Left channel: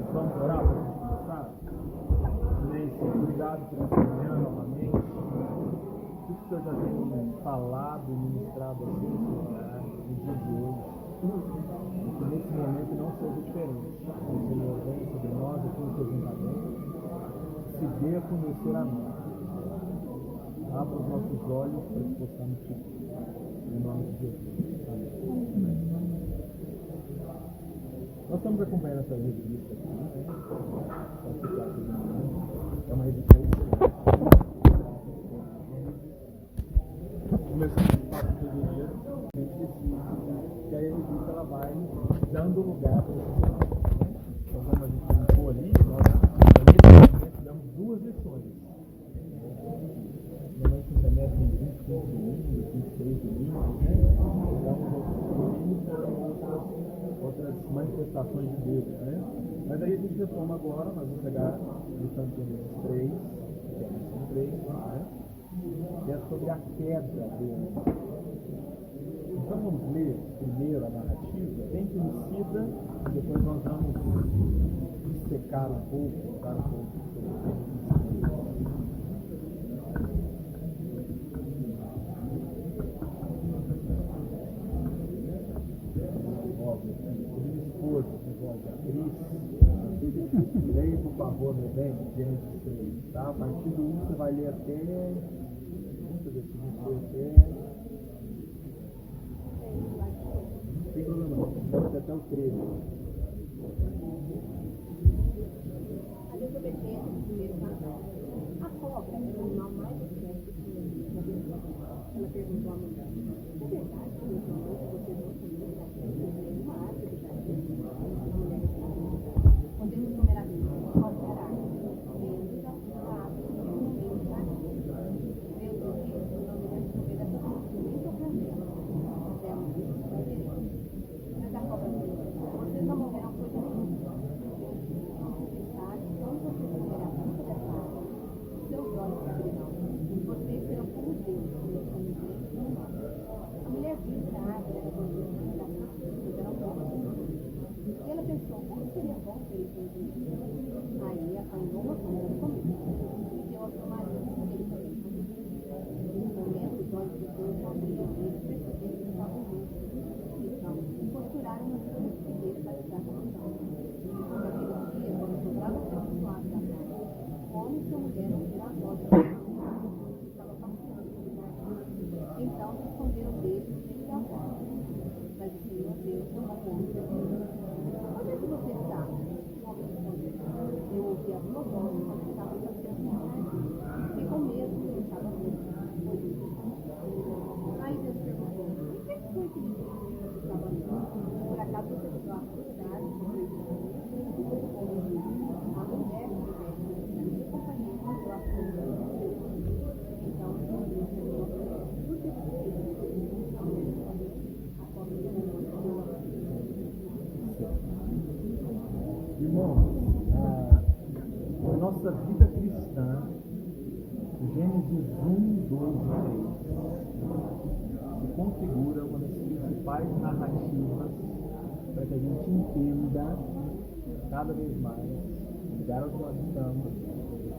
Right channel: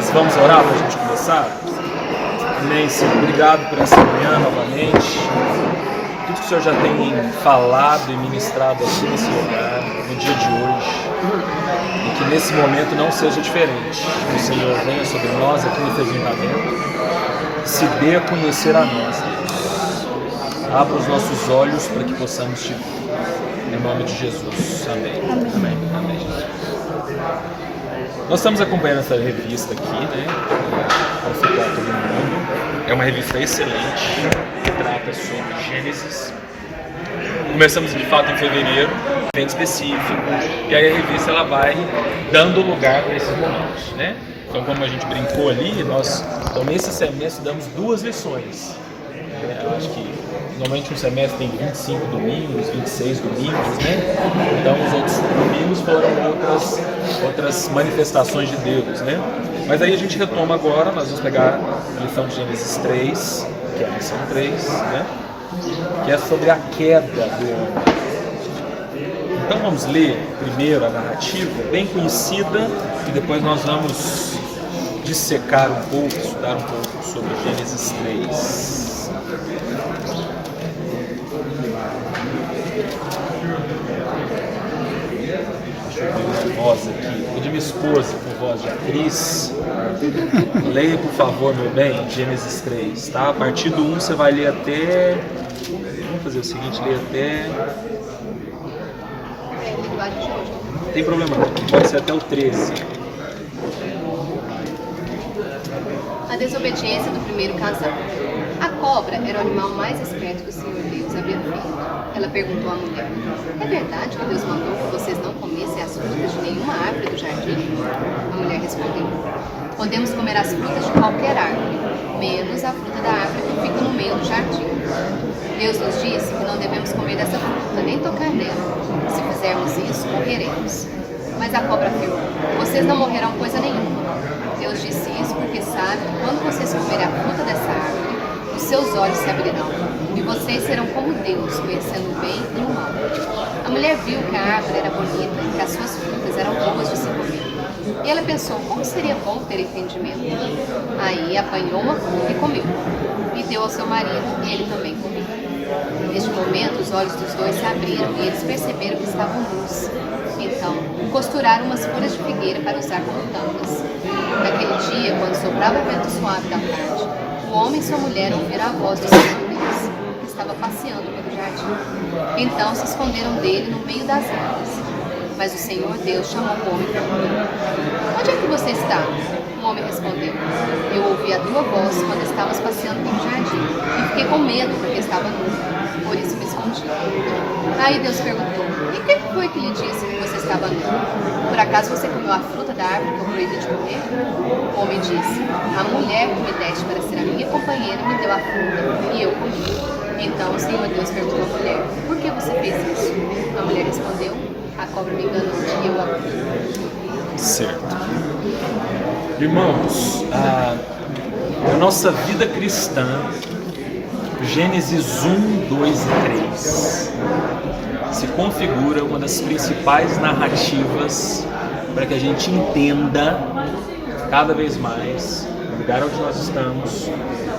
Mas vamos orar para a gente começar? Amém, Senhor. Obrigado por essa manhã novamente. Tudo que o Senhor já tem falado e ministrado aqui nesse lugar, no dia de hoje. E que nesse momento não seja diferente. Que o Senhor venha sobre nós aqui nesse ajuntamento. Se dê a conhecer a nós, Deus. Abra os nossos olhos para que possamos te ver. Em nome de Jesus. Amém. Amém. Amém. Nós estamos acompanhando essa revista aqui, né? Para ficar todo mundo. É uma revista excelente, que trata sobre Gênesis. Começamos de fato em fevereiro, bem específico, e aí a revista ela vai dando lugar para esses momentos, né? Então, como a gente brincou ali, nós nesse semestre damos 2 lições. Eu acho que normalmente um semestre tem 25 domingos, 26 domingos, né? Então os outros domingos foram outras manifestações de Deus, né? Mas aí a gente retoma agora, nós vamos pegar a lição de Gênesis 3, que é a lição 3, né? Que é sobre a queda do homem. Então vamos ler primeiro a narrativa, bem conhecida, e depois nós vamos dissecar um pouco, estudar um pouco sobre Gênesis 3. Voz aqui, vou de minha esposa com voz de atriz. Leia, por favor, meu bem, Gênesis 3, tá? A partir do 1 você vai ler até... Vamos fazer o seguinte, ler até... Não tem problema não, pode ser até o 13. A desobediência do primeiro casamento. A cobra era o animal mais esperto que o Senhor Deus havia feito. Ela perguntou à mulher: é verdade que Deus mandou que vocês não comessem as frutas de nenhuma árvore do jardim? A mulher respondeu: podemos comer as frutas de qualquer árvore, menos a fruta da árvore que fica no meio do jardim. Deus nos disse que não devemos comer dessa fruta, nem tocar nela. Se fizermos isso, morreremos. Mas a cobra afirmou: vocês não morrerão coisa nenhuma. Deus disse isso porque sabe que quando vocês comerem a fruta dessa árvore, os seus olhos se abrirão, e vocês serão como Deus, conhecendo o bem e o mal. A mulher viu que a árvore era bonita e que as suas frutas eram boas de se comer. E ela pensou, como seria bom ter entendimento. Aí apanhou uma fruta e comeu. E deu ao seu marido, e ele também comeu. Neste momento, os olhos dos dois se abriram e eles perceberam que estavam nus. Então, costuraram umas folhas de figueira para usar como tampas. Naquele dia, quando soprava o vento suave da tarde, o homem e sua mulher ouviram a voz do Senhor Deus, que estava passeando pelo jardim. Então se esconderam dele no meio das árvores. Mas o Senhor Deus chamou o homem e perguntou: onde é que você está? O homem respondeu: eu ouvi a tua voz quando estavas passeando pelo jardim, e fiquei com medo porque estava nu, por isso me escondi. Aí Deus perguntou: e quem foi que lhe disse que você estava nu? Por acaso você comeu a fruta da árvore que eu proibi de comer? O homem disse: a mulher que me deste para ser a minha companheira me deu a fruta, e eu comi. Então o Senhor Deus perguntou à mulher: por que você fez isso? A mulher respondeu: a cobra me enganou e eu a comi. Certo. Irmãos, a nossa vida cristã, Gênesis 1, 2 e 3, se configura uma das principais narrativas para que a gente entenda cada vez mais o lugar onde nós estamos,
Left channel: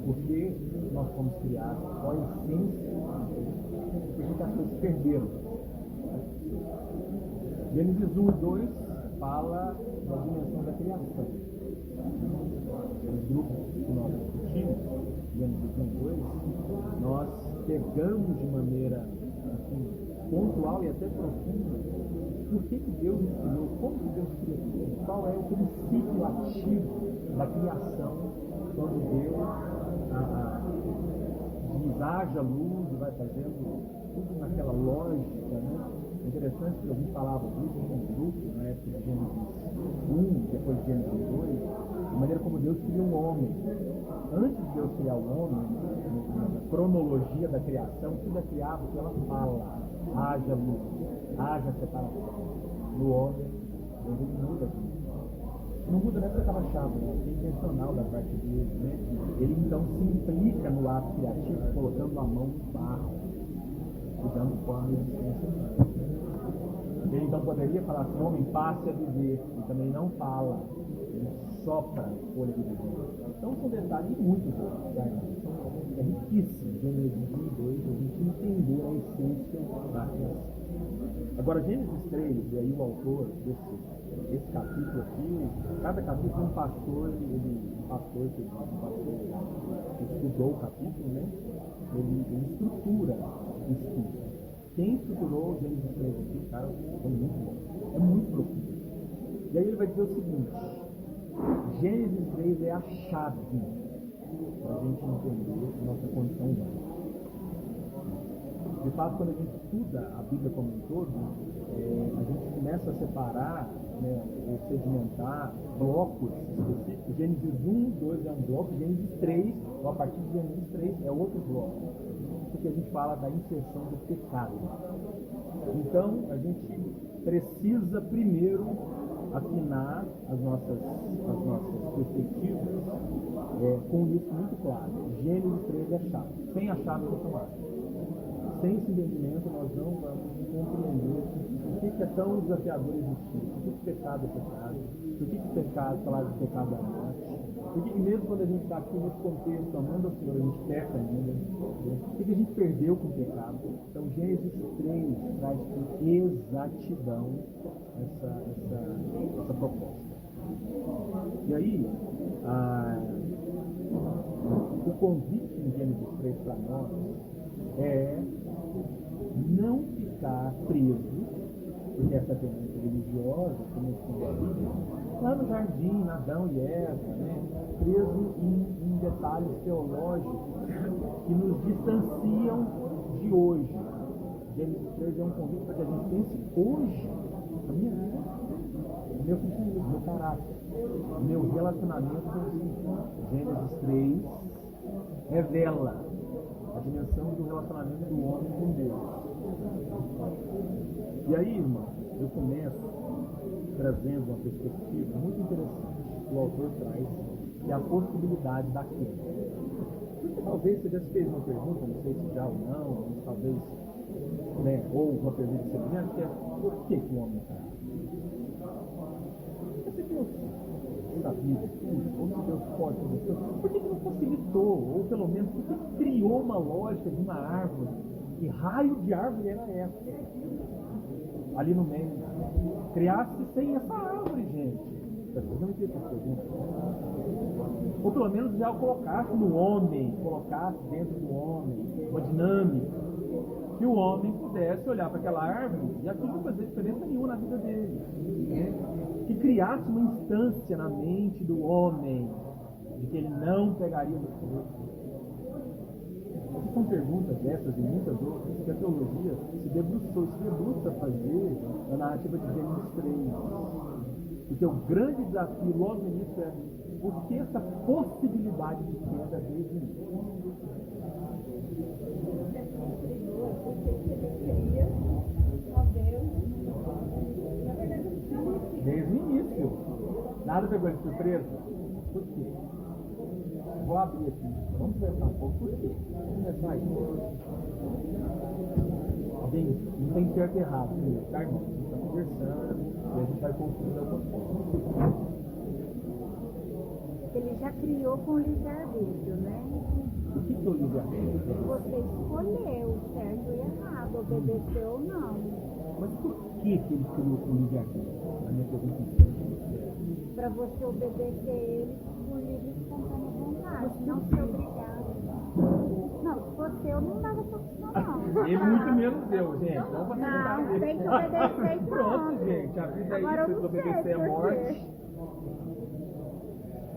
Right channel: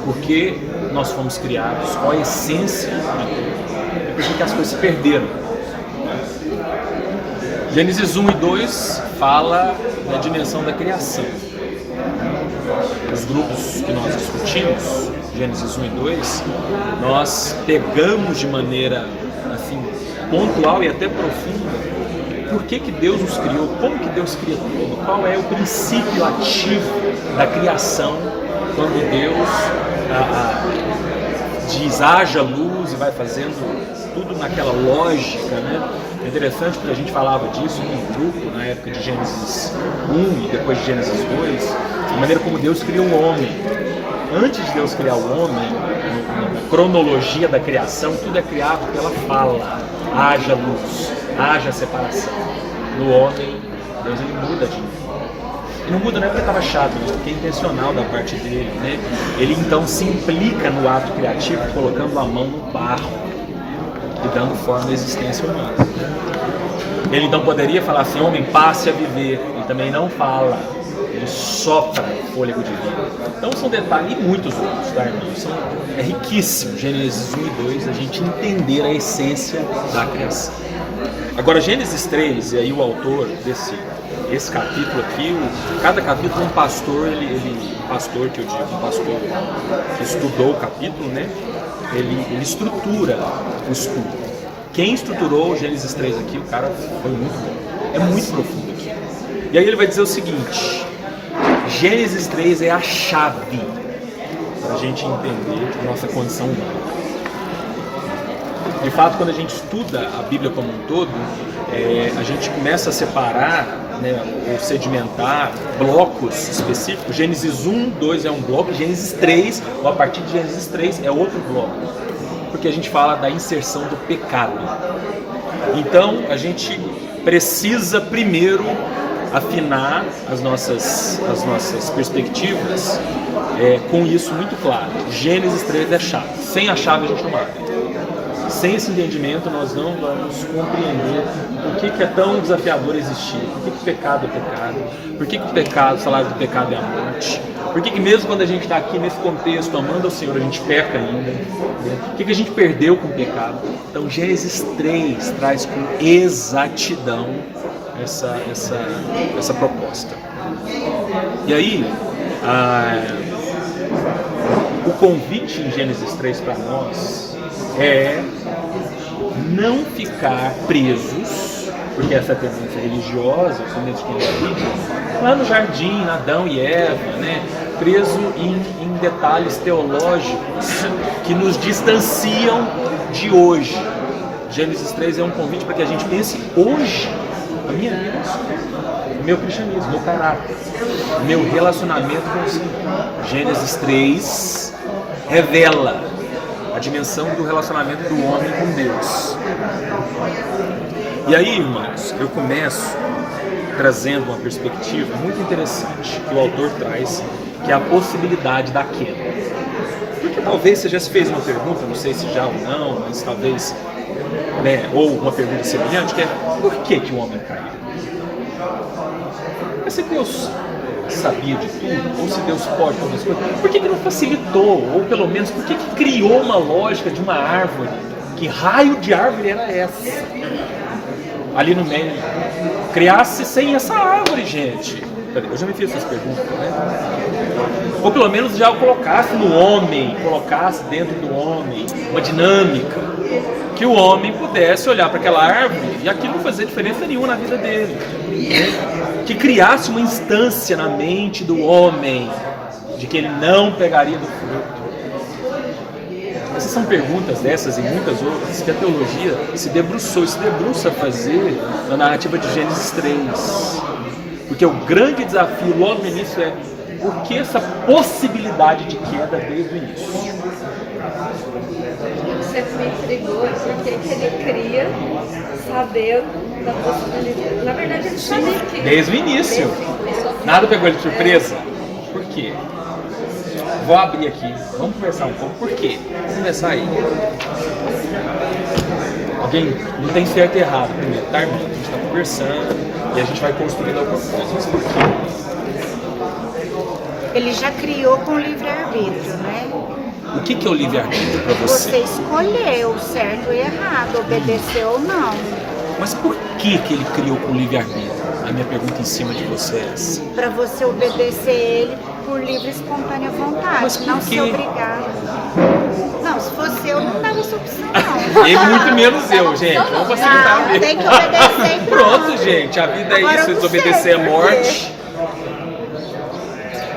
por que nós fomos criados, qual a essência de tudo e por que as coisas se perderam. Gênesis 1 e 2 fala da dimensão da criação. Os grupos que nós discutimos, Gênesis 1 e 2, nós pegamos de maneira assim, pontual e até profunda por que Deus nos criou, como que Deus cria tudo, qual é o princípio ativo da criação quando Deus diz haja luz e vai fazendo tudo naquela lógica, né? É interessante porque a gente falava disso num grupo na época de Gênesis 1 e depois de Gênesis 2, a maneira como Deus criou o homem. Antes de Deus criar o homem, na cronologia da criação, tudo é criado pela fala. Haja luz, haja separação. No homem, Deus ele muda de novo. E não muda não é porque estava chato, mas porque é intencional da parte dele, né? Ele então se implica no ato criativo, colocando a mão no barro e dando forma à existência humana. Ele então poderia falar assim, homem, passe a viver. Ele também não fala. ele sopra fôlego de vida. Então são detalhes e muitos outros, tá, irmãos? É riquíssimo, Gênesis 1 e 2, a gente entender a essência da criação. Agora, Gênesis 3, e aí o autor esse capítulo aqui, cada capítulo um pastor, pastor que eu digo, um pastor que estudou o capítulo, né? Ele estrutura o estudo. Quem estruturou o Gênesis 3 aqui, o cara foi muito bom. É muito profundo aqui. E aí ele vai dizer o seguinte: Gênesis 3 é a chave para a gente entender a nossa condição humana. De fato, quando a gente estuda a Bíblia como um todo, a gente começa a separar, né, ou sedimentar blocos específicos. Gênesis 1, 2 é um bloco, Gênesis 3, ou a partir de Gênesis 3 é outro bloco. Porque a gente fala da inserção do pecado. Então, a gente precisa primeiro afinar as nossas perspectivas com isso muito claro. Gênesis 3 é a chave. Sem a chave a gente não abre. Sem esse entendimento nós não vamos compreender por que é tão desafiador existir, por que o pecado é pecado, por que o pecado, o salário do pecado é a morte, por que mesmo quando a gente está aqui nesse contexto amando ao Senhor a gente peca ainda, né? O que a gente perdeu com o pecado. Então Gênesis 3 traz com exatidão essa proposta. E aí o convite em Gênesis 3 para nós é não ficar presos, porque essa é a tendência religiosa, principalmente quem é Bíblia, lá no jardim, Adão e Eva, né? Preso em detalhes teológicos que nos distanciam de hoje. Gênesis 3 é um convite para que a gente pense hoje, a minha vida, o meu cristianismo, o meu caráter, o meu relacionamento com o Senhor. Gênesis 3 revela a dimensão do relacionamento do homem com Deus. E aí, irmãos, eu começo trazendo uma perspectiva muito interessante que o autor traz, que é a possibilidade da queda. Porque talvez você já se fez uma pergunta, não sei se já ou não, mas talvez, né, ou uma pergunta semelhante, que é: por que o homem caiu? Mas se Deus sabia de tudo, ou se Deus pode todas as coisas, por que não facilitou? Ou pelo menos, por que criou uma lógica de uma árvore? Que raio de árvore era essa? Ali no meio, criasse sem essa árvore, gente. Eu já me fiz essas perguntas, né? Ou pelo menos já o colocasse no homem, colocasse dentro do homem uma dinâmica, que o homem pudesse olhar para aquela árvore e aquilo não fazer diferença nenhuma na vida dele. Que criasse uma instância na mente do homem de que ele não pegaria do fruto. Essas são perguntas dessas e muitas outras que a teologia se debruça a fazer na narrativa de Gênesis 3. Porque o grande desafio logo no início é: por que essa possibilidade de queda desde o início? Sempre me intrigou porque ele cria sabendo da possibilidade. Na verdade, ele sabia que... Desde o início. Nada pegou ele de surpresa. Por quê? Vou abrir aqui. Vamos conversar um pouco. Por quê? Vamos começar aí. Alguém não tem certo e errado primeiro, tá, irmão? A gente está conversando e a gente vai construindo algumas coisas. Por quê? Ele já criou com livre-arbítrio, né? O que é o livre-arbítrio para você? Você escolheu certo e errado, obedeceu ou não. Mas por que ele criou com livre-arbítrio? A minha pergunta em cima de vocês. Para você obedecer ele por livre e espontânea vontade, Mas por não quê? ser obrigado. Não, se fosse eu, não dava essa opção, não. E muito menos eu, gente. Vamos facilitar a Não, vida. tem que obedecer e Pronto, gente. A vida Agora é isso. eu não Desobedecer sei é morte.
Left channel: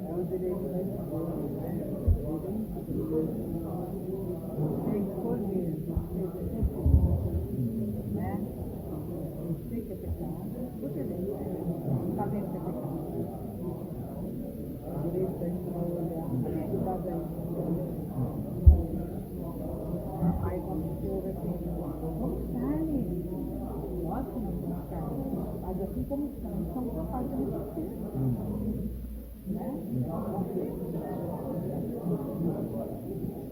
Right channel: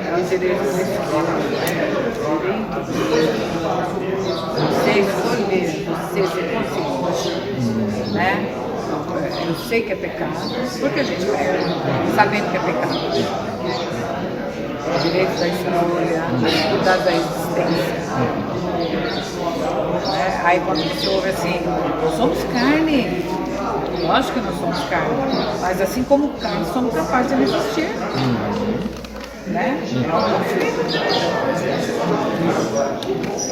É o direito da escolha, você escolher, você ser consciente, né? Eu sei que é pecado, porque a gente pega, sabendo que é pecado. O direito da escolha, a dificuldade da existência. Né? Aí quando você ouve assim, nós somos carne, lógico que nós somos carne, mas assim como carne somos capazes de resistir. né? É um conflito.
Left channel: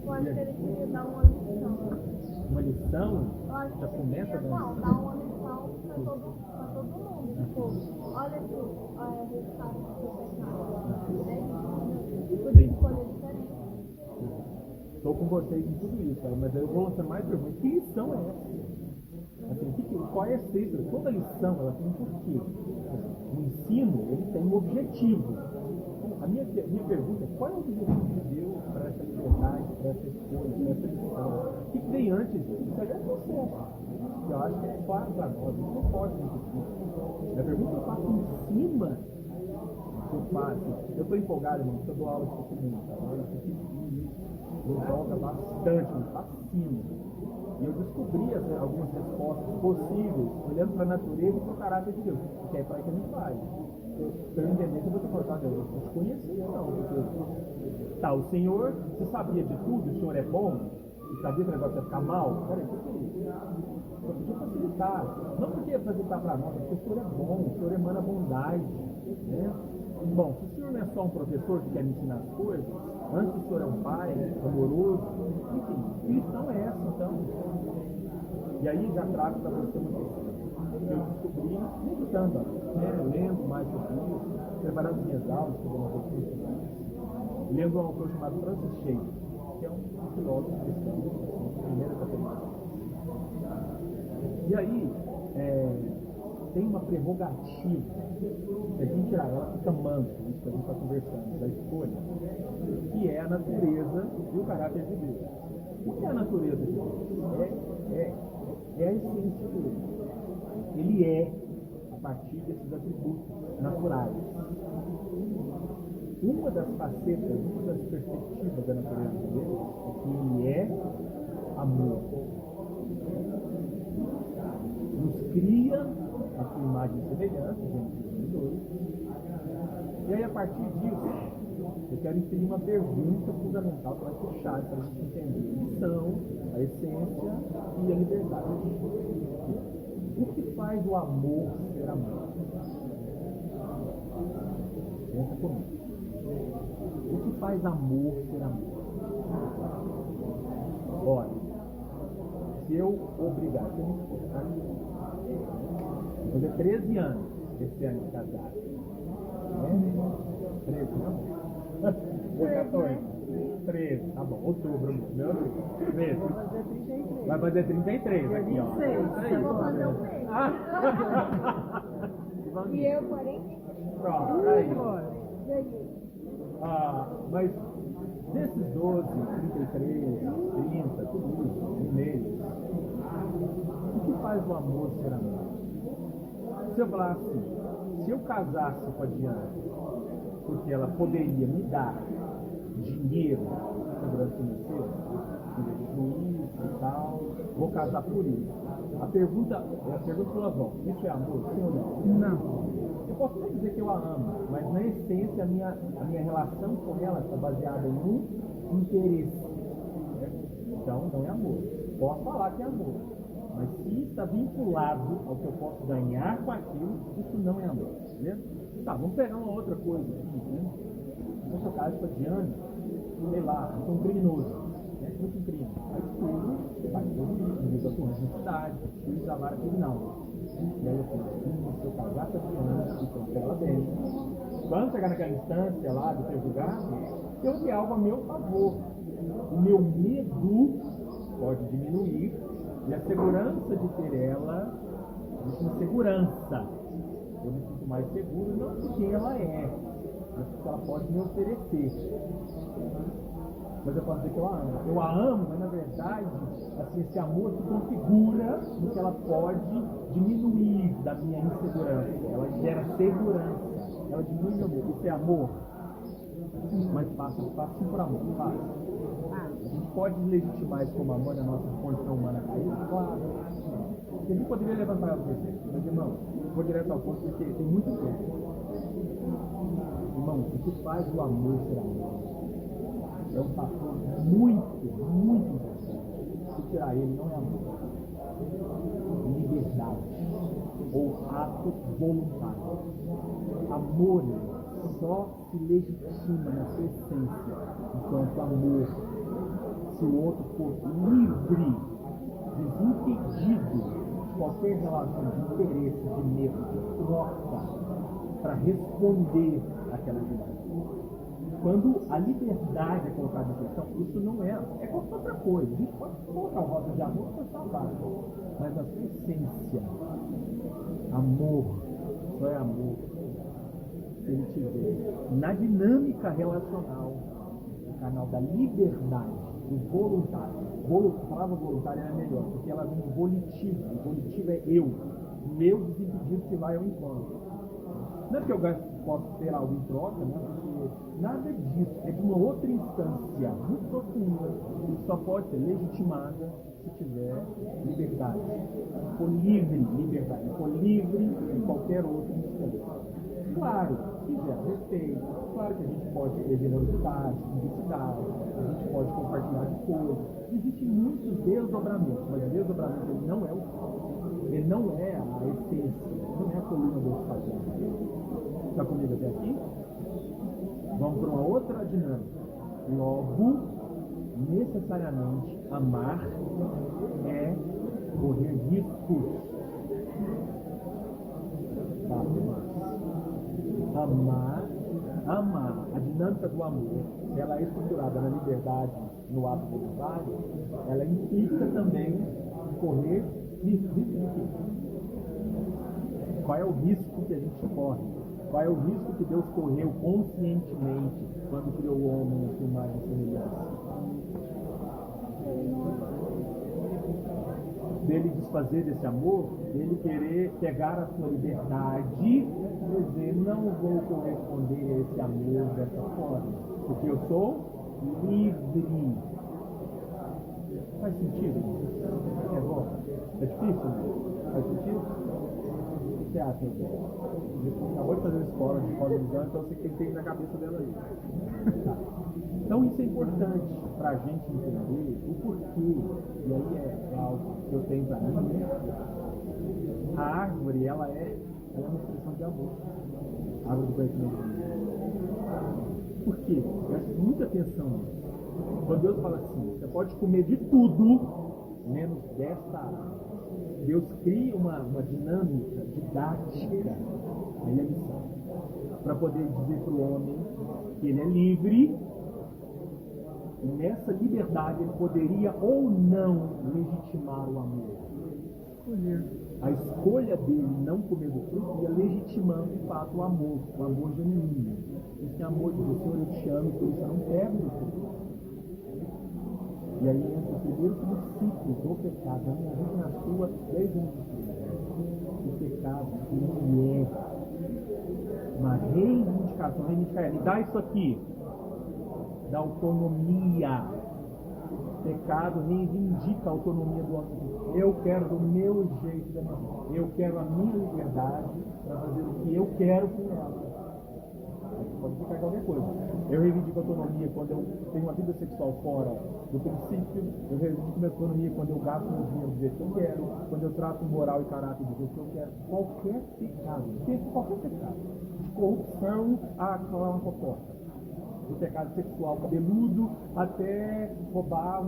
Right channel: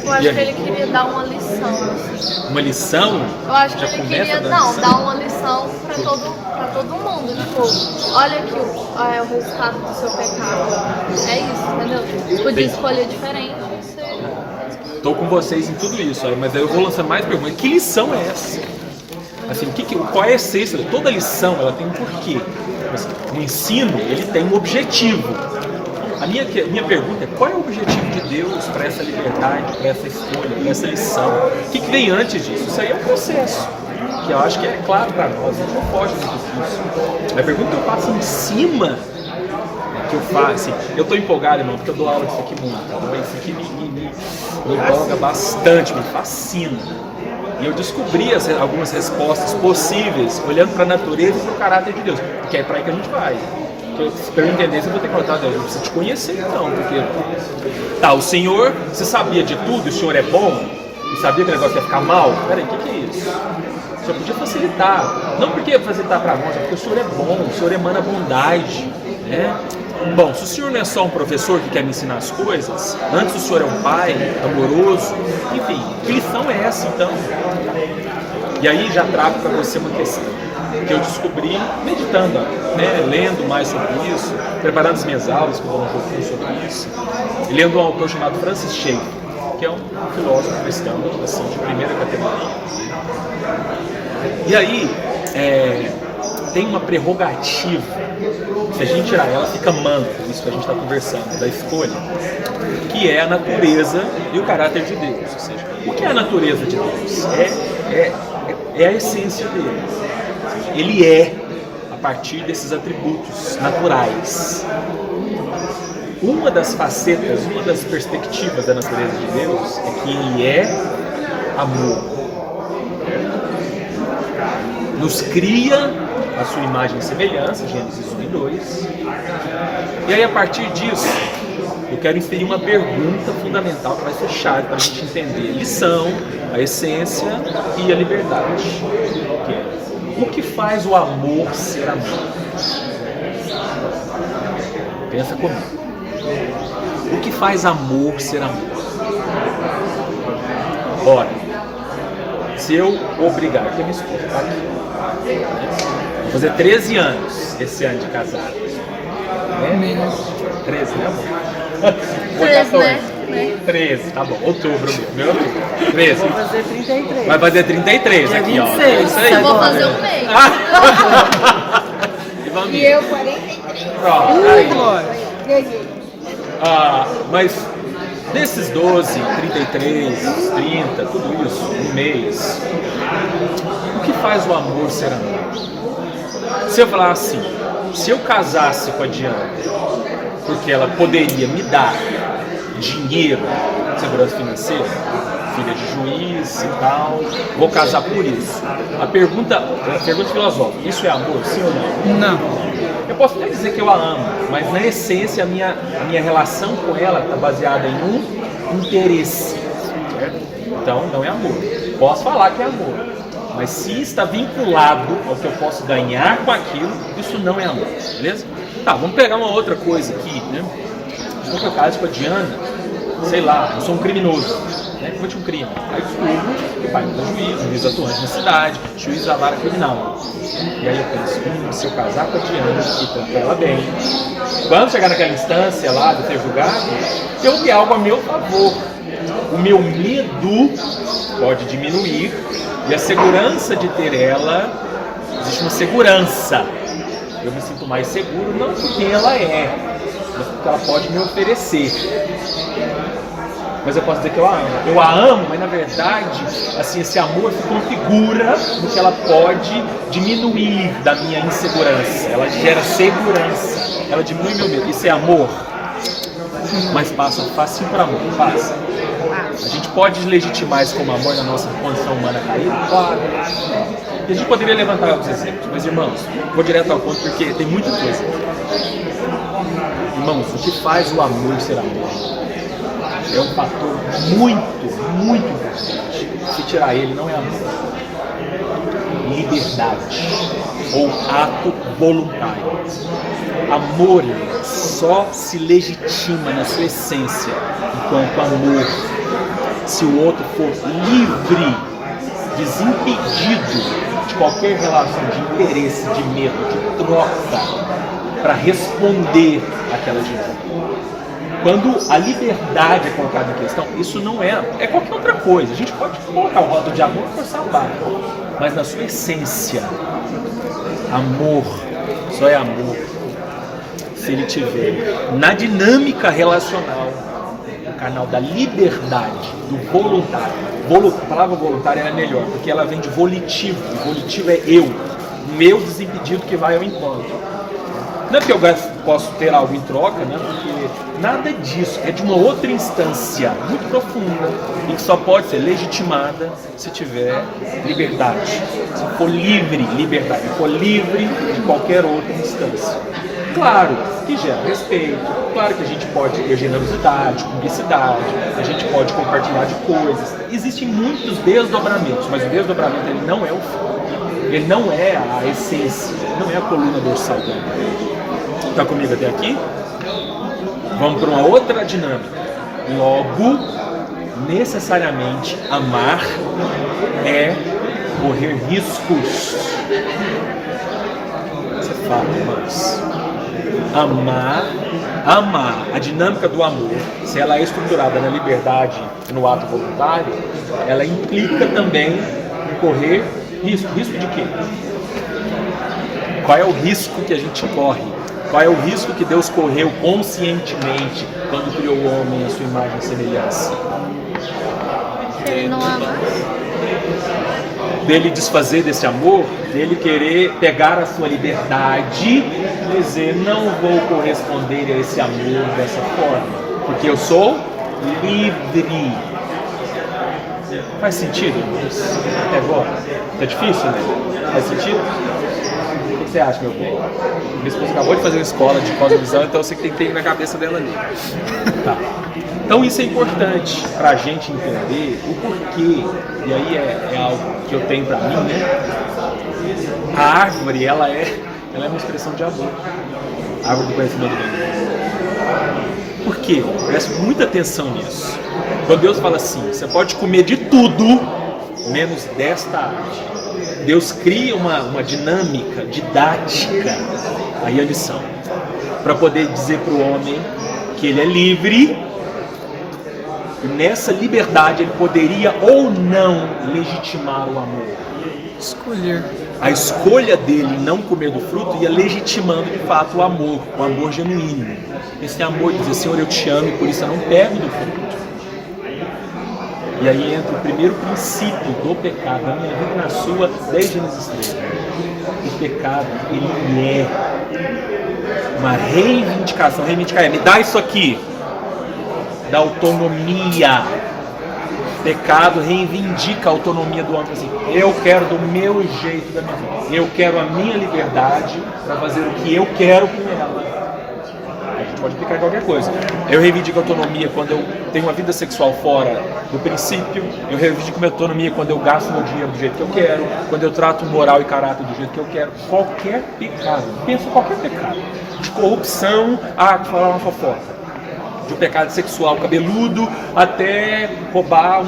Eu acho que ele queria dar uma lição. Assim. Uma lição? Eu acho que Já ele começa queria dando lição? dar uma lição pra todo mundo. Tipo, olha aqui o resultado do seu pecado. É isso, entendeu? Você podia escolher diferente. Estou com vocês em tudo isso, mas aí eu vou lançar mais perguntas. Que lição é essa? Assim, qual é a essência? Toda lição ela tem um porquê. O ensino ele tem um objetivo. A minha pergunta é: qual é o objetivo de Deus para essa liberdade, para essa escolha, para essa lição? O que vem antes disso? Isso aí é um processo que eu acho que é claro para nós. A gente não foge muito disso. A pergunta que eu faço em cima que eu faço, assim, eu estou empolgado, irmão, porque eu dou aula disso aqui muito. Então, isso aqui me empolga bastante, me fascina. E eu descobri algumas respostas possíveis olhando para a natureza e para o caráter de Deus, porque é para aí que a gente vai. Para eu entender, eu vou ter que contar, Deus, eu preciso te conhecer então, porque tá, o Senhor, você sabia de tudo, o Senhor é bom, e sabia que o negócio ia ficar mal? Peraí, o que é isso? O Senhor podia facilitar, não porque facilitar para nós, é porque o Senhor é bom, o Senhor emana bondade, né? Bom, se o Senhor não é só um professor que quer me ensinar as coisas, antes o Senhor é um pai amoroso, enfim, que lição é essa então? E aí já trago para você uma questão que eu descobri meditando, né, lendo mais sobre isso, preparando as minhas aulas, que eu vou um pouquinho sobre isso, e lendo um autor chamado Francis Schaeffer, que é um filósofo cristão assim, de primeira categoria. E aí, tem uma prerrogativa, se a gente tirar ela, fica manco, isso que a gente está conversando, da escolha, que é a natureza e o caráter de Deus. Ou seja, o que é a natureza de Deus? É a essência dele. Ele é a partir desses atributos naturais. Uma das facetas, uma das perspectivas da natureza de Deus é que ele é amor. Nos cria a sua imagem e semelhança, Gênesis 1 e 2. E aí, a partir disso, eu quero inserir uma pergunta fundamental que vai ser chave para a gente entender a lição, a essência e a liberdade. O que faz o amor ser amor? Pensa comigo. O que faz amor ser amor? Ora, se eu obrigar, que a minha esposa está aqui, vou fazer 13 anos esse ano de casado. Né? 13, né, amor? 13, né? 13, tá bom. Outubro, meu outubro. 13. Vou fazer 33. Vai fazer 33 aqui, ó. É isso aí. Eu vou fazer um mês. E eu 43. Pronto, aí. Mas desses 12, 33, 30, tudo isso, um mês, o que faz o amor ser amor? Se eu falar assim, se eu casasse com a Diana, porque ela poderia me dar dinheiro, segurança financeira, filha de juiz e tal, vou casar por isso. A pergunta filosófica, isso é amor, sim ou não? Não. Eu posso até dizer que eu a amo, mas na essência a minha relação com ela está baseada em um interesse, certo? Então não é amor. Posso falar que é amor, mas se está vinculado ao que eu posso ganhar com aquilo, isso não é amor, beleza? Tá, vamos pegar uma outra coisa aqui, né? Se for caso com a Diana, sei lá, eu sou um criminoso, né? Cometi um crime. Aí descubro que o pai não é juiz atuante na cidade, juiz da vara criminal. E aí eu penso, se eu casar com a Diana e tratar ela bem, quando chegar naquela instância lá de ter julgado, eu vi algo a meu favor. O meu medo pode diminuir e a segurança de ter ela, existe uma segurança. Eu me sinto mais seguro, não porque ela é, mas porque ela pode me oferecer. Mas eu posso dizer que eu a amo. Eu a amo, mas na verdade, assim, esse amor se configura no que ela pode diminuir da minha insegurança. Ela gera segurança. Ela diminui meu medo. Isso é amor? Mas passa fácil por amor, passa. A gente pode legitimar isso como amor na nossa condição humana caída? Claro. E a gente poderia levantar alguns exemplos, mas irmãos, vou direto ao ponto porque tem muita coisa. Irmãos, o que faz o amor ser amor? É um fator muito, muito importante. Se tirar ele, não é amor. liberdade ou ato voluntário. Amor só se legitima na sua essência enquanto amor se o outro for livre, desimpedido de qualquer relação de interesse, de medo, de troca, para responder àquela dinâmica. Quando a liberdade é colocada em questão, isso não é qualquer outra coisa. A gente pode colocar o rótulo de amor e forçar a barra, mas na sua essência, amor só é amor se ele tiver na dinâmica relacional o canal da liberdade, do voluntário. A palavra voluntária é melhor, porque ela vem de volitivo. O volitivo é eu, o meu desimpedido que vai ao encontro. Não é que eu posso ter algo em troca, né? Porque nada disso, é de uma outra instância muito profunda e que só pode ser legitimada se tiver liberdade, se for livre, liberdade, se for livre de qualquer outra instância. Claro que gera respeito, claro que a gente pode ter generosidade, cumplicidade, a gente pode compartilhar de coisas. Existem muitos desdobramentos, mas o desdobramento ele não é o fim, ele não é a essência, não é a coluna dorsal do amor. Está comigo até aqui? Vamos para uma outra dinâmica. Logo, necessariamente, amar é correr riscos. Isso é fato, mas amar, a dinâmica do amor, se ela é estruturada na liberdade e no ato voluntário, ela implica também em correr risco. Risco de quê? Qual é o risco que a gente corre? Qual é o risco que Deus correu conscientemente quando criou o homem à sua imagem e semelhança? Ele não ama. Dele desfazer desse amor, dele querer pegar a sua liberdade e dizer, não vou corresponder a esse amor dessa forma, porque eu sou livre. Faz sentido, irmãos? Até agora? Tá difícil, né? Faz sentido? O que você acha, meu bem? Minha esposa acabou de fazer uma escola de cosmovisão, então eu sei que tem que ter na cabeça dela ali. Tá. Então isso é importante para a gente entender o porquê, e aí é algo que eu tenho para mim, né? A árvore, ela é uma expressão de amor. A árvore do conhecimento do bem. Por quê? Preste muita atenção nisso. Quando Deus fala assim, você pode comer de tudo, menos desta árvore. Deus cria uma dinâmica didática, aí a lição, para poder dizer para o homem que ele é livre, e nessa liberdade ele poderia ou não legitimar o amor. Escolher. A escolha dele em não comer do fruto ia legitimando de fato o amor genuíno. Esse amor de dizer, Senhor, eu te amo e por isso eu não pego do fruto. E aí entra o primeiro princípio do pecado, na minha vida e na sua, desde Gênesis 3. O pecado, ele é uma reivindicação. Reivindicar é, me dá isso aqui. Da autonomia. Pecado reivindica a autonomia do homem. Assim, eu quero do meu jeito da minha vida. Eu quero a minha liberdade para fazer o que eu quero com ela. A gente pode aplicar qualquer coisa. Eu reivindico a autonomia quando eu tenho uma vida sexual fora do princípio. Eu reivindico minha autonomia quando eu gasto meu dinheiro do jeito que eu quero. Quando eu trato moral e caráter do jeito que eu quero. Qualquer pecado. Pensa em qualquer pecado. De corrupção a falar uma fofoca. De um pecado sexual cabeludo até roubar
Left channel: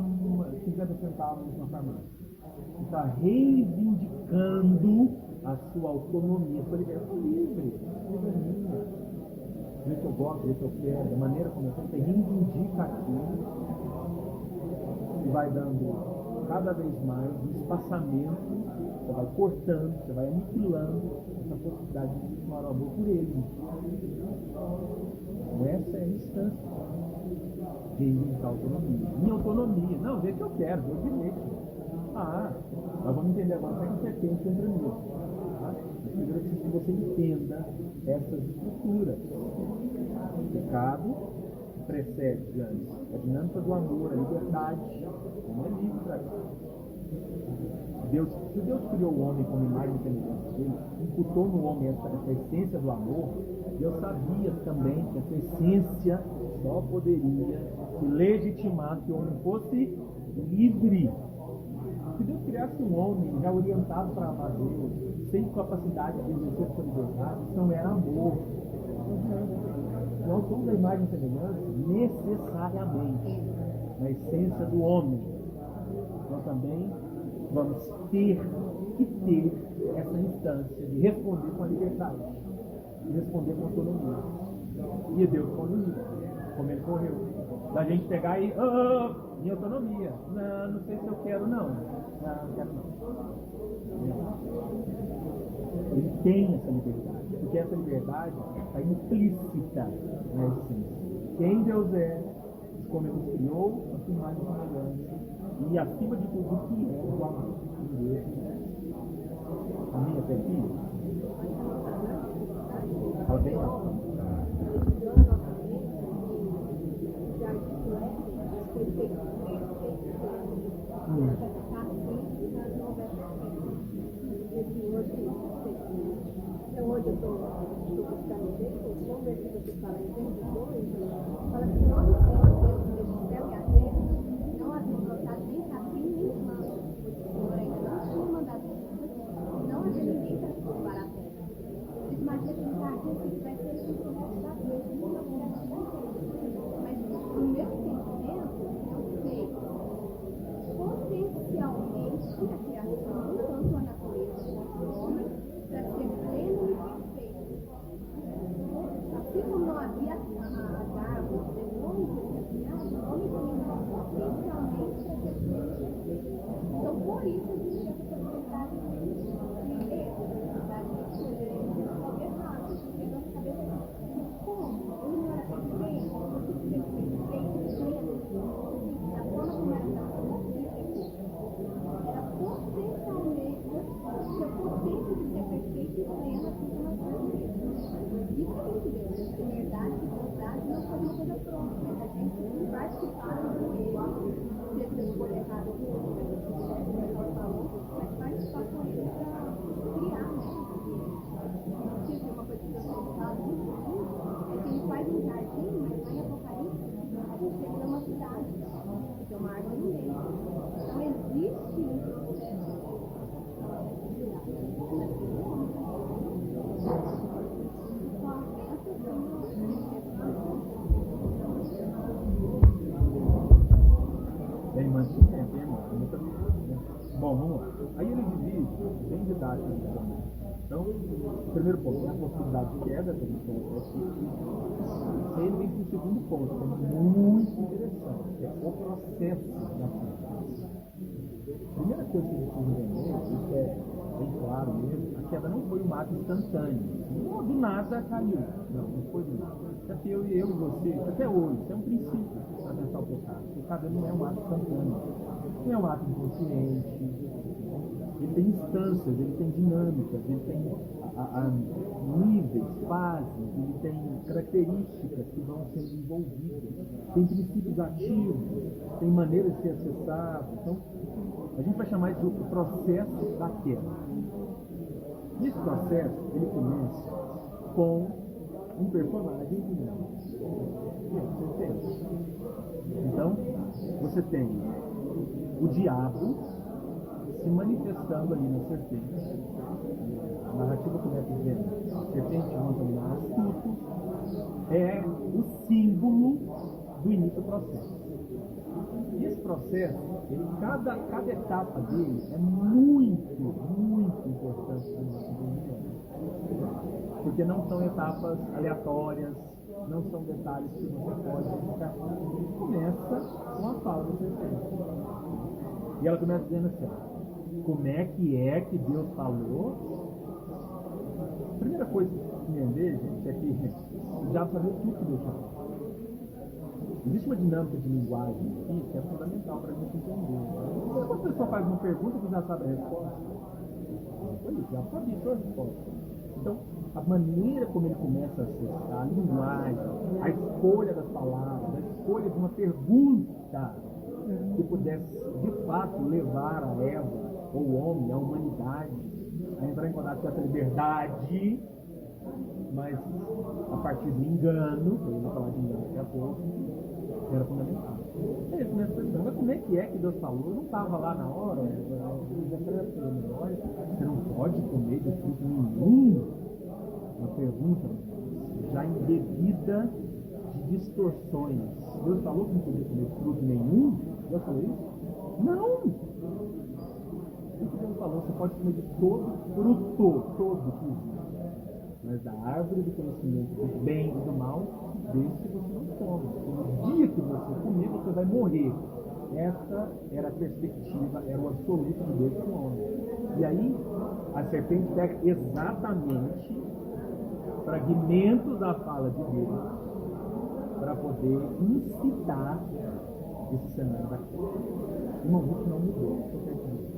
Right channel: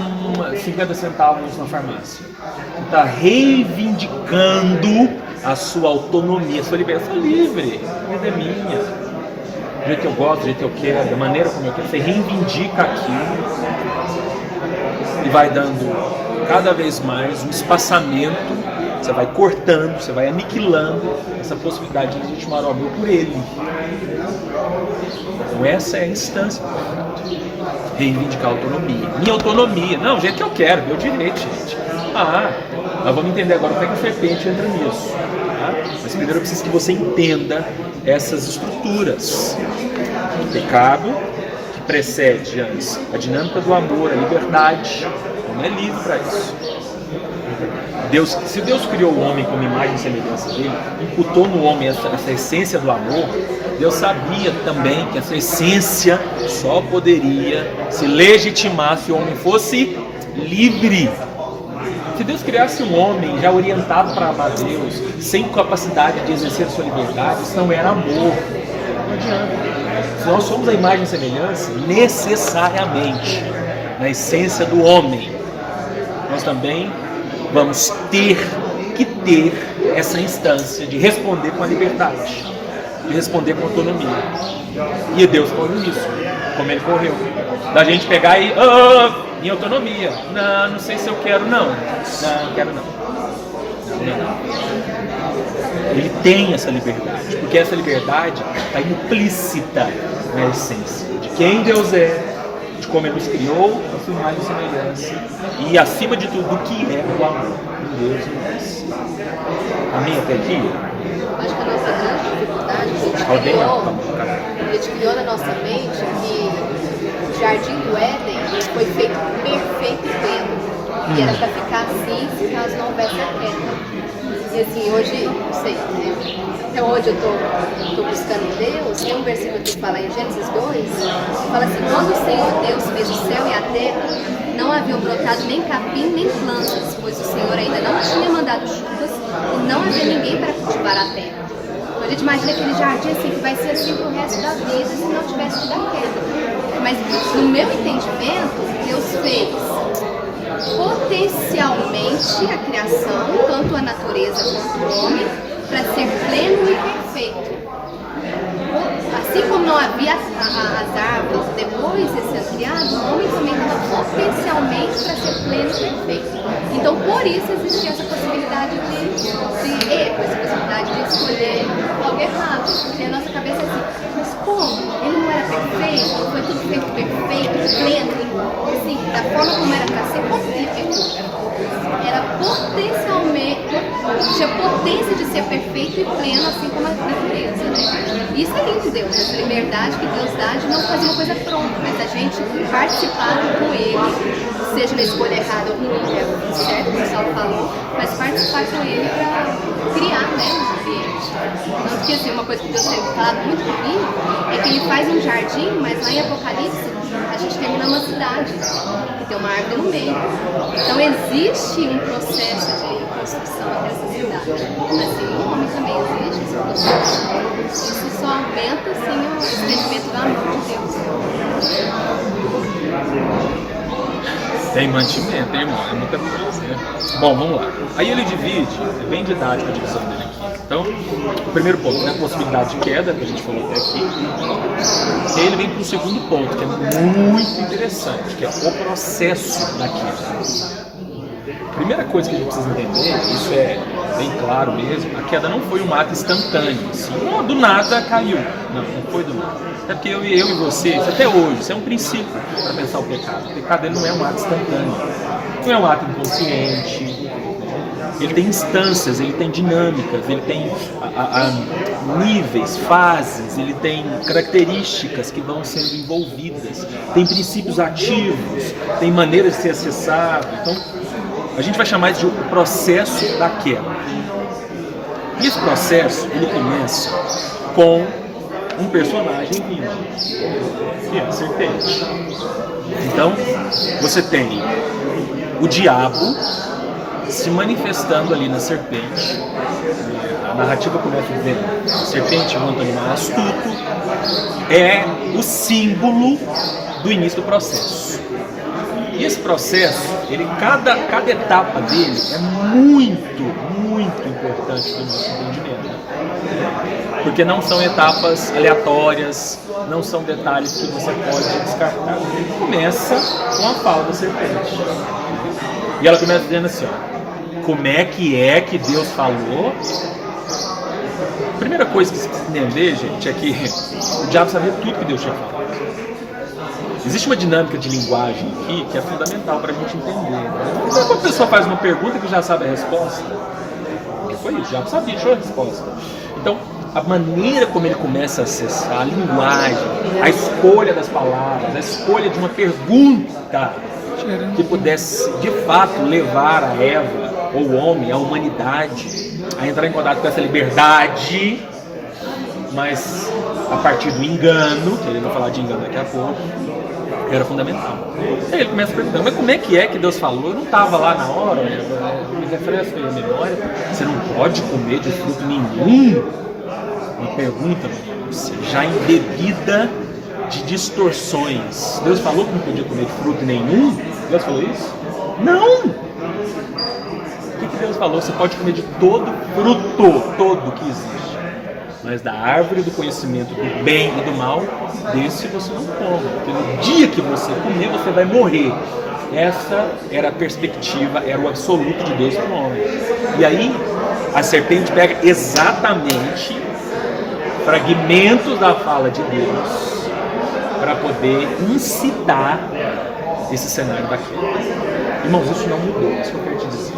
50 centavos na farmácia. Você está reivindicando a sua autonomia, a sua liberdade. Eu sou livre, a vida é minha. Do jeito que eu gosto, do jeito que eu quero, da maneira como eu quero. Você reivindica aquilo e vai dando cada vez mais um espaçamento. Você vai cortando, você vai aniquilando essa possibilidade de legitimar o amor por ele. Então essa é a instância do pecado. Reivindicar a autonomia. Minha autonomia. Não, o jeito que eu quero, meu direito, gente. Nós vamos entender agora como é que a serpente entra nisso. Tá? Mas primeiro eu preciso que você entenda essas estruturas. O pecado, que precede antes a dinâmica do amor, a liberdade. Não é livre para isso. Se Deus criou o homem como imagem e semelhança dele, imputou no homem essa essência do amor, Deus sabia também que essa essência só poderia se legitimar se o homem fosse livre. Se Deus criasse um homem já orientado para amar Deus, sem capacidade de exercer sua liberdade, isso não era amor. Não adianta. Se nós somos a imagem e semelhança, necessariamente, na essência do homem, nós também vamos ter que ter essa instância de responder com a liberdade, de responder com autonomia. E Deus correu nisso, como Ele correu. Da gente pegar e, em autonomia, não sei se eu quero não quero não. Ele tem essa liberdade, porque essa liberdade está implícita na essência de quem Deus é, de como Ele nos criou, a sua imagem e semelhança, e acima de tudo, do que é o amor de Deus em nós. Amém até aqui? Acho que a nossa grande dificuldade a gente criou na nossa mente que o Jardim do Éden foi feito perfeito e pleno. E era para ficar assim se caso não houvesse a queda. E assim, hoje, não sei, até hoje eu estou buscando Deus, tem um versículo que fala em Gênesis 2, que fala assim: quando o Senhor Deus fez o céu e a terra, não haviam brotado nem capim nem plantas, pois o Senhor ainda não tinha mandado chuvas e não havia ninguém para cultivar a terra. Então a gente imagina aquele jardim assim, que vai ser assim pro resto da vida se não tivesse tido a queda. Mas no meu entendimento, Deus fez potencialmente a criação, tanto a natureza quanto o homem, para ser pleno e perfeito. Assim como não havia as árvores depois de ser criado, o homem também estava potencialmente para ser pleno e perfeito. Então, por isso existia essa possibilidade de erro, essa possibilidade de escolher algo errado. Porque a nossa cabeça é assim: mas como? Ele não era perfeito? Foi tudo feito perfeito, pleno, assim, da forma como era para ser, perfeito. Era potencialmente, tinha potência de ser perfeito e pleno, assim como a natureza, né? Isso é lindo, Deus, essa liberdade que Deus dá de não fazer uma coisa pronta, mas a gente participar com Ele, seja na escolha errada ou ruim, é o certo, como o Saulo falou, mas participar com Ele para criar, né, um ambiente. Tanto que, assim, uma coisa que Deus tem falado muito comigo é que Ele faz um jardim, mas lá em Apocalipse a gente termina uma cidade, que tem uma árvore no meio. Então existe um processo de construção dessa cidade. Assim, no homem também existe esse processo. Isso só aumenta, assim, o sentimento do amor de Deus. Tem mantimento, irmão, é muita coisa, né? Bom, vamos lá. Aí ele divide, é bem didática a divisão dele aqui. Então, o primeiro ponto, né, a possibilidade de queda, que a gente falou até aqui. Ele vem para o segundo ponto, que é muito interessante, que é o processo da queda. A primeira coisa que a gente precisa entender, isso é bem claro mesmo, a queda não foi um ato instantâneo, assim, do nada caiu. Não foi do nada. Até porque eu e você, isso até hoje, isso é um princípio para pensar o pecado. O pecado ele não é um ato instantâneo, não é um ato inconsciente. Ele tem instâncias, ele tem dinâmicas, ele tem níveis, fases, ele tem características que vão sendo envolvidas, tem princípios ativos, tem maneiras de ser acessado. Então, a gente vai chamar isso de o processo da queda. E esse processo, ele começa com um personagem vindo, que é a serpente. Então, você tem o diabo se manifestando ali na serpente. A narrativa começa dizendo: a serpente, enquanto animal astuto, é o símbolo do início do processo. E esse processo, cada etapa dele é muito importante para o nosso entendimento. Porque não são etapas aleatórias, não são detalhes que você pode descartar. Começa com a fala da serpente. E ela começa dizendo assim, ó: como é que Deus falou? A primeira coisa que você precisa entender, gente, é que o diabo sabia tudo que Deus tinha falado. Existe uma dinâmica de linguagem aqui que é fundamental para a gente entender. Né? Quando a pessoa faz uma pergunta que já sabe a resposta, porque foi isso, já sabia, achou a resposta. Então, a maneira como ele começa a acessar a linguagem, a escolha das palavras, a escolha de uma pergunta que pudesse, de fato, levar a Eva, ou o homem, a humanidade, a entrar em contato com essa liberdade, mas a partir do engano, que ele vai falar de engano daqui a pouco, Era fundamental. Aí ele começa a perguntar, mas como é que Deus falou? Eu não estava lá na hora, me refresca aí a memória. Você não pode comer de fruto nenhum? Uma pergunta, já embebida de distorções. Deus falou que não podia comer de fruto nenhum? Deus falou isso? Não! O que Deus falou? Você pode comer de todo fruto, todo que existe. Mas da árvore do conhecimento do bem e do mal, desse você não come. Porque no dia que você comer, você vai morrer. Essa era a perspectiva, era o absoluto de Deus para o homem. E aí, a serpente pega exatamente fragmentos da fala de Deus para poder incitar esse cenário daquele. Irmãos, isso não mudou, isso que eu quero te dizer.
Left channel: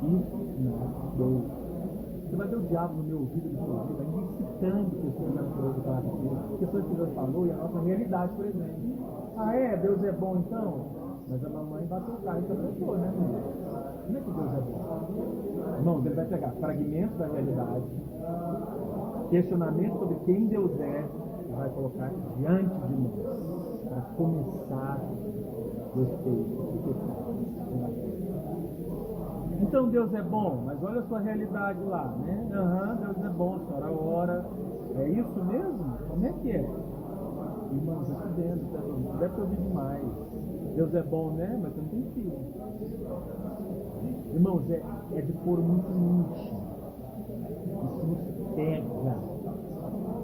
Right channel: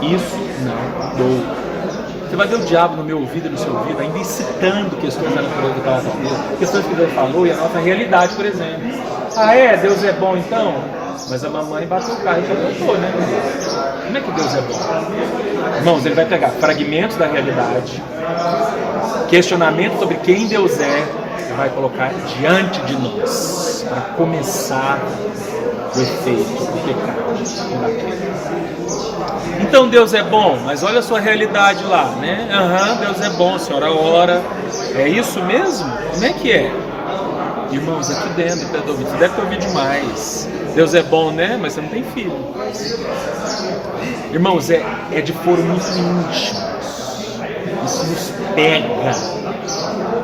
Isso não mudou. Você vai ver o diabo no meu ouvido e no seu ouvido, ainda incitando questões da natureza do caráter de Deus, questões que Deus falou e a nossa realidade, por exemplo. Ah, Deus é bom então? Mas a mamãe bateu o carro e capotou, né? Como é que Deus é bom? Irmãos, ele vai pegar fragmentos da realidade, questionamento sobre quem Deus é, e vai colocar diante de nós, para começar o efeito do pecado daquele. Então Deus é bom, mas olha a sua realidade lá, né? Deus é bom, a senhora ora. É isso mesmo? Como é que é? Irmãos, aqui dentro, você deve ter ouvido demais. Deus é bom, né? Mas você não tem filho. Irmãos, é de foro muito íntimo. Isso nos pega.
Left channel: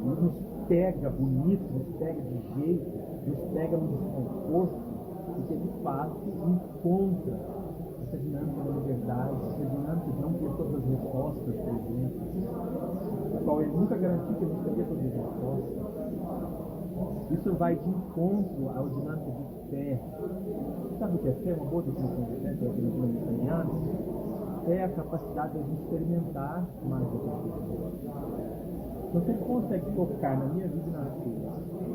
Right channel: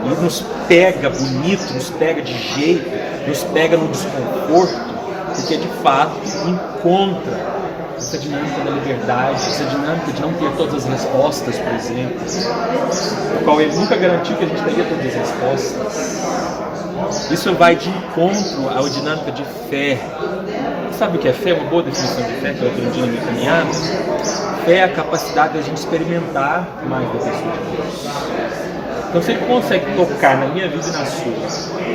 E nos pega bonito, nos pega de jeito, nos pega no desconforto, porque de fato encontra essa dinâmica da liberdade, essa dinâmica de não ter todas as respostas, por exemplo, o qual ele nunca garantiu que a gente teria todas as respostas. Isso vai de encontro à dinâmica de fé. Sabe o que é fé? Uma boa definição de fé que eu aprendi na minha caminhada. Fé é a capacidade de a gente experimentar mais da pessoa de Deus. Então, se ele consegue tocar na minha vida e na sua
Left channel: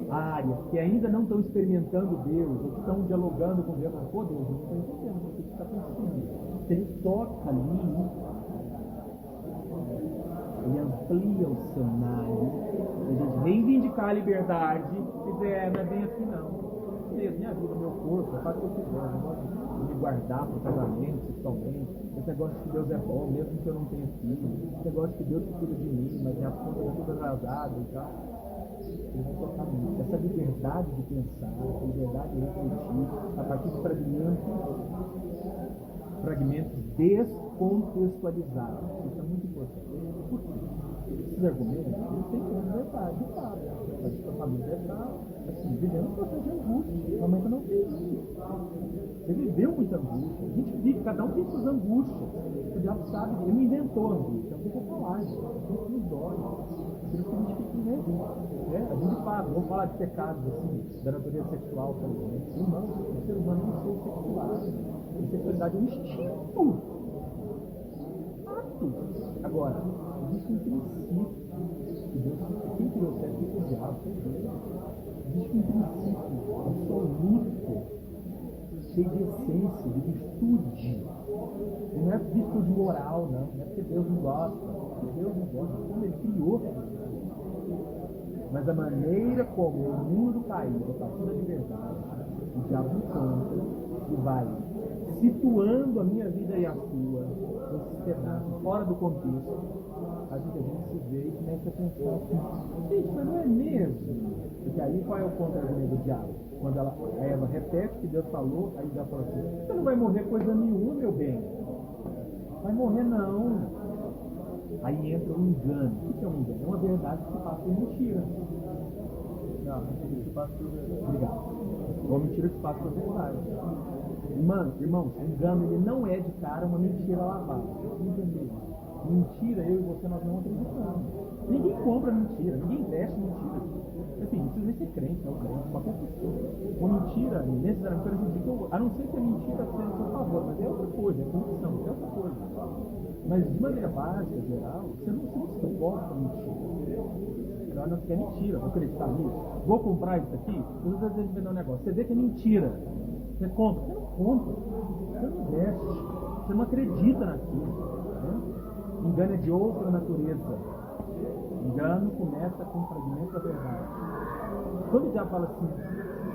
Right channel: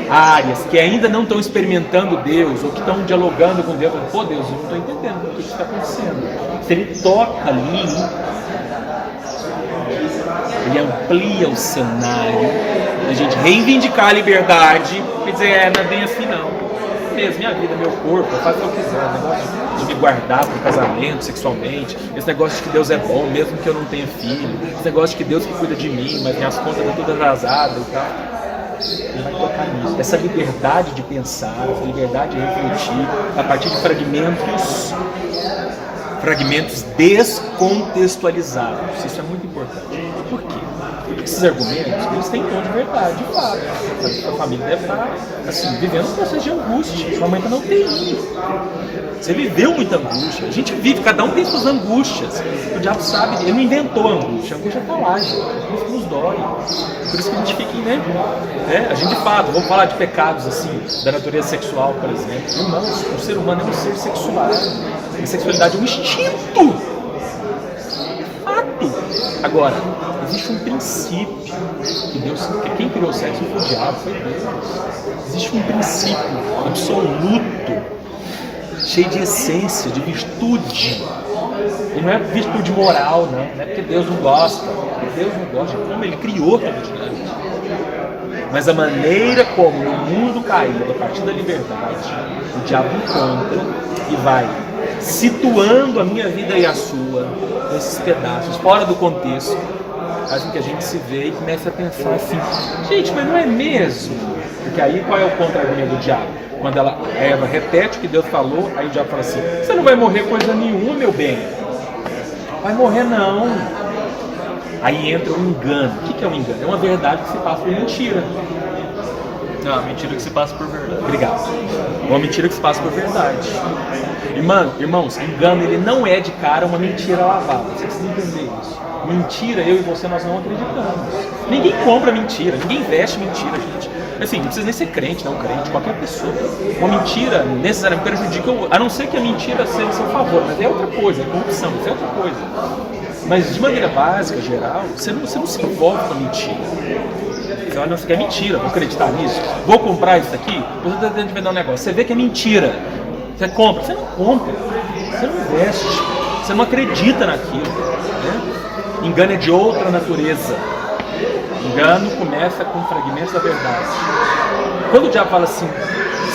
áreas que ainda não estão experimentando Deus ou que estão dialogando com Deus, pô, Deus, eu não estou entendendo o que está acontecendo. Se ele toca ali, ele amplia o cenário da gente reivindicar a liberdade e dizer, não é bem assim não. Mesmo, minha vida, meu corpo, eu faço o que eu quiser, o negócio de me guardar para o casamento, sexualmente, esse negócio de que Deus é bom, mesmo que eu não tenha filho, esse negócio de que Deus que cuida de mim, mas minhas contas estão todas atrasadas e tal. Ele vai tocar nisso. Essa liberdade de pensar, essa liberdade de refletir a partir de fragmentos descontextualizados. Isso é muito importante. Por quê? Porque esses argumentos, eles têm tom de verdade, de fato. A sua família deve estar, assim, vivendo um processo de angústia. Sua mãe está na UTI. Você viveu muita angústia. A gente vive, cada um tem suas angústias. O diabo sabe, ele não inventou a angústia está lá, gente. Por isso que nos dói. Por isso que a gente fica, né? A gente, de fato, vamos falar de pecados, assim, da natureza sexual, por exemplo. Irmãos, o ser humano é um ser sexual. A sexualidade é um instinto. Fato. Agora, existe um princípio que Deus, que quem criou o sexo foi o diabo, foi Deus. Existe um princípio absoluto, cheio de essência, de virtude. E não é virtude moral, não é porque Deus não gosta. Deus não gosta de como Ele criou toda a dinâmica. Mas a maneira como o mundo caiu a partir da liberdade, o diabo encontra e vai situando a minha vida e a sua nesses pedaços, fora do contexto, faz com que a gente se vê e comece a pensar assim, gente, mas não é mesmo? Porque aí qual é o contra-argumento do diabo? Quando Eva repete o que Deus falou, aí o diabo fala assim, você não vai morrer coisa nenhuma, meu bem. Vai morrer não. Aí entra o engano. O que é um engano? É uma verdade que se passa por mentira. Não, uma mentira que se passa por verdade. Obrigado. Uma mentira que se passa por verdade. Irmãos, engano ele não é de cara uma mentira lavada. Você precisa entender isso. Mentira, eu e você, nós não acreditamos. Ninguém compra mentira, ninguém veste mentira, gente. Assim, não precisa nem ser crente, não crente, qualquer pessoa. Uma mentira necessariamente prejudica, a não ser que a mentira seja a seu favor, mas é outra coisa, é corrupção, isso é outra coisa. Mas de maneira básica, geral, você não se envolve com a mentira. Você olha, não, isso aqui é mentira, vou acreditar nisso, vou comprar isso aqui, você está tentando vender um negócio, você vê que é mentira, você compra, você não compra, você não veste, você não acredita naquilo. Né? Engano é de outra natureza. Engano começa com fragmentos da verdade. Quando o diabo fala assim,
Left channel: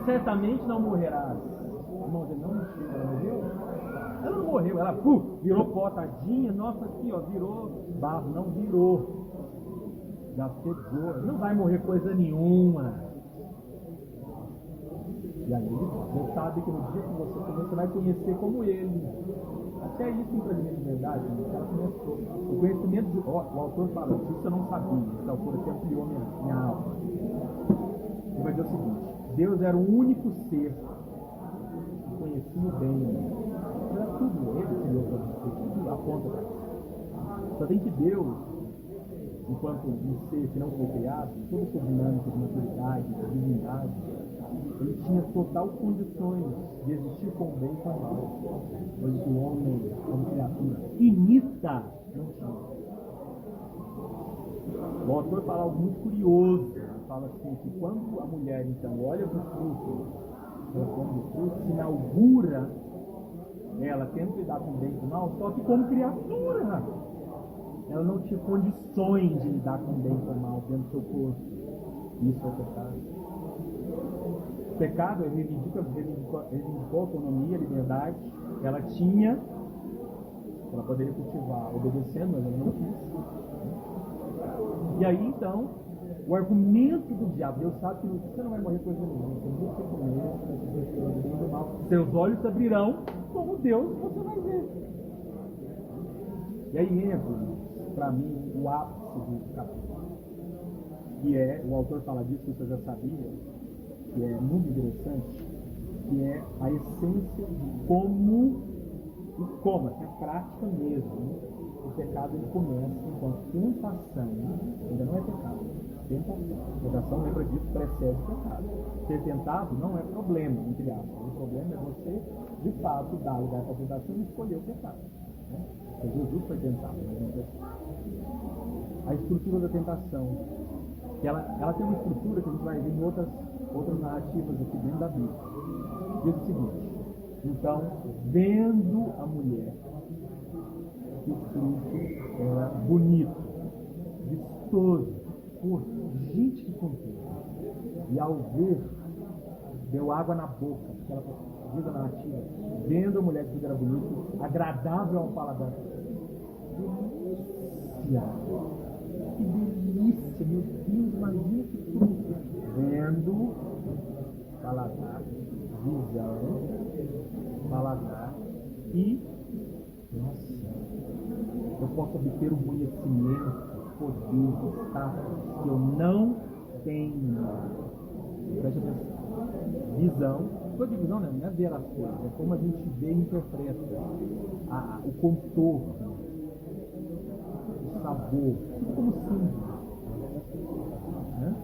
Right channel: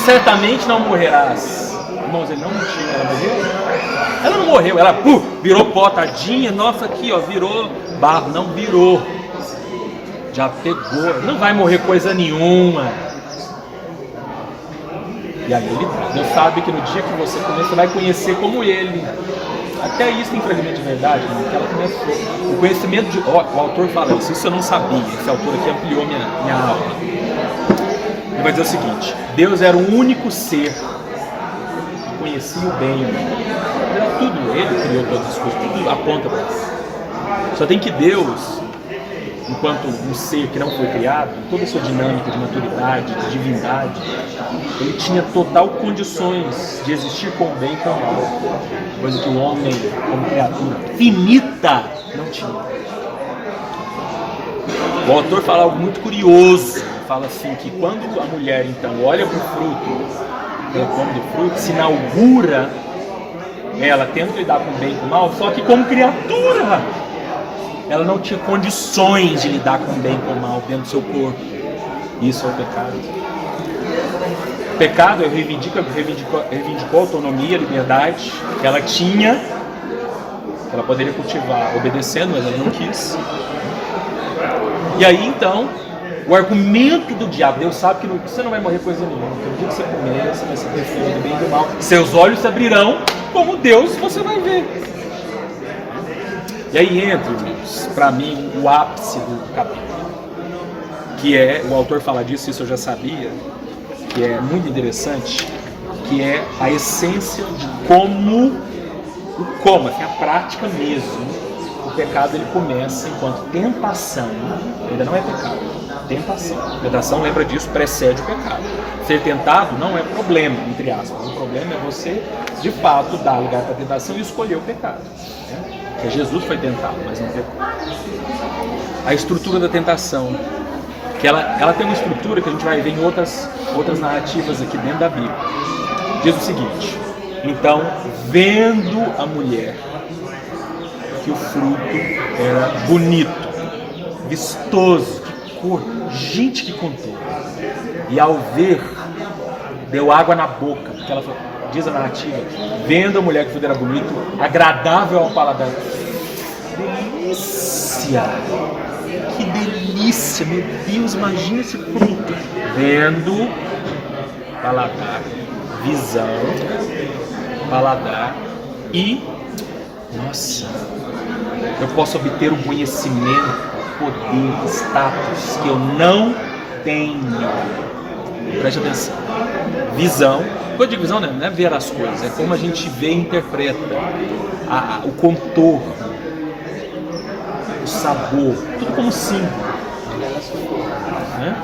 certamente não morrerás. Irmãos, ele não mentiu, ela morreu? Ela não morreu, ela virou pó, tadinha, nossa, aqui ó, virou barro, não virou. Já pegou, não vai morrer coisa nenhuma. E aí Deus sabe que no dia que você comer, você vai conhecer como ele. Até isso tem fragmento de verdade, né? Que ela começou. O conhecimento de. O autor fala isso eu não sabia. Esse autor aqui ampliou minha aula. Ele vai dizer o seguinte: Deus era o único ser que conhecia o bem e o mal. Era tudo, ele criou todas as coisas, tudo aponta para isso. Só tem que Deus, enquanto um ser que não foi criado, toda a sua dinâmica de maturidade, de divindade, ele tinha total condições de existir com o bem e com o mal, coisa que o homem, como criatura finita, não tinha. O autor fala algo muito curioso, ele fala assim, que quando a mulher então olha para o fruto, ela come do fruto, se inaugura ela tenta lidar com o bem e com o mal, só que como criatura ela não tinha condições de lidar com o bem e com o mal dentro do seu corpo. Isso é o pecado. O pecado reivindicou a autonomia, a liberdade que ela tinha, que ela poderia cultivar obedecendo, mas ela não quis. E aí então, o argumento do diabo, Deus sabe que você não vai morrer coisa nenhuma. No dia que você comer, você vai se refletir do bem e do mal. Seus olhos se abrirão, como Deus você vai ver. E aí entra, para mim, o ápice do capítulo, que é, o autor fala disso, isso eu já sabia, que é muito interessante, que é a essência de como, assim, a prática mesmo. O pecado ele começa enquanto tentação, ainda não é pecado, tentação. Tentação, lembra disso, precede o pecado. Ser tentado não é problema, entre aspas. O problema é você, de fato, dar lugar para a tentação e escolher o pecado. Né? Porque Jesus foi tentado, mas não pecou. A estrutura da tentação, que ela tem uma estrutura que a gente vai ver em outras narrativas aqui dentro da Bíblia. Diz o seguinte: então, vendo a mulher que o fruto era bonito, vistoso, que cor, gente que contou. E ao ver, deu água na boca, porque ela falou, diz a narrativa, vendo a mulher que o fruto era bonito, agradável ao paladar. Delícia! Que delícia! Meu Deus, imagina esse fruto. Vendo, paladar, visão, paladar e nossa, eu posso obter um conhecimento, poder, status que eu não tenho. Preste atenção. Visão, quando eu digo visão, não é ver as coisas, é como a gente vê e interpreta o contorno, o sabor, tudo como símbolo. Né?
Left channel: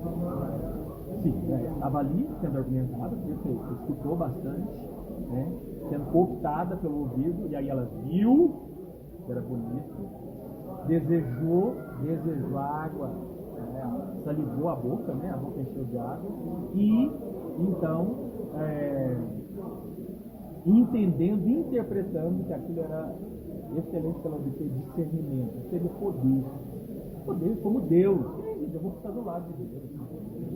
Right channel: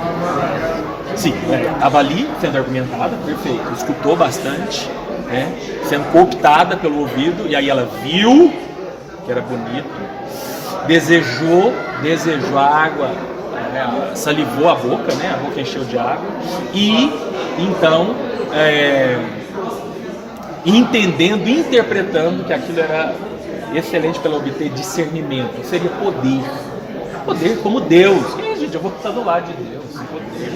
Sim, estava ali sendo argumentada, perfeito, escutou bastante. Né? Sendo cooptada pelo ouvido, e aí ela viu que era bonito, desejou a água, salivou a boca, né? A boca encheu de água, e então entendendo, interpretando que aquilo era excelente para ela obter discernimento, seria poder como Deus. Gente, eu vou estar do lado de Deus, poder.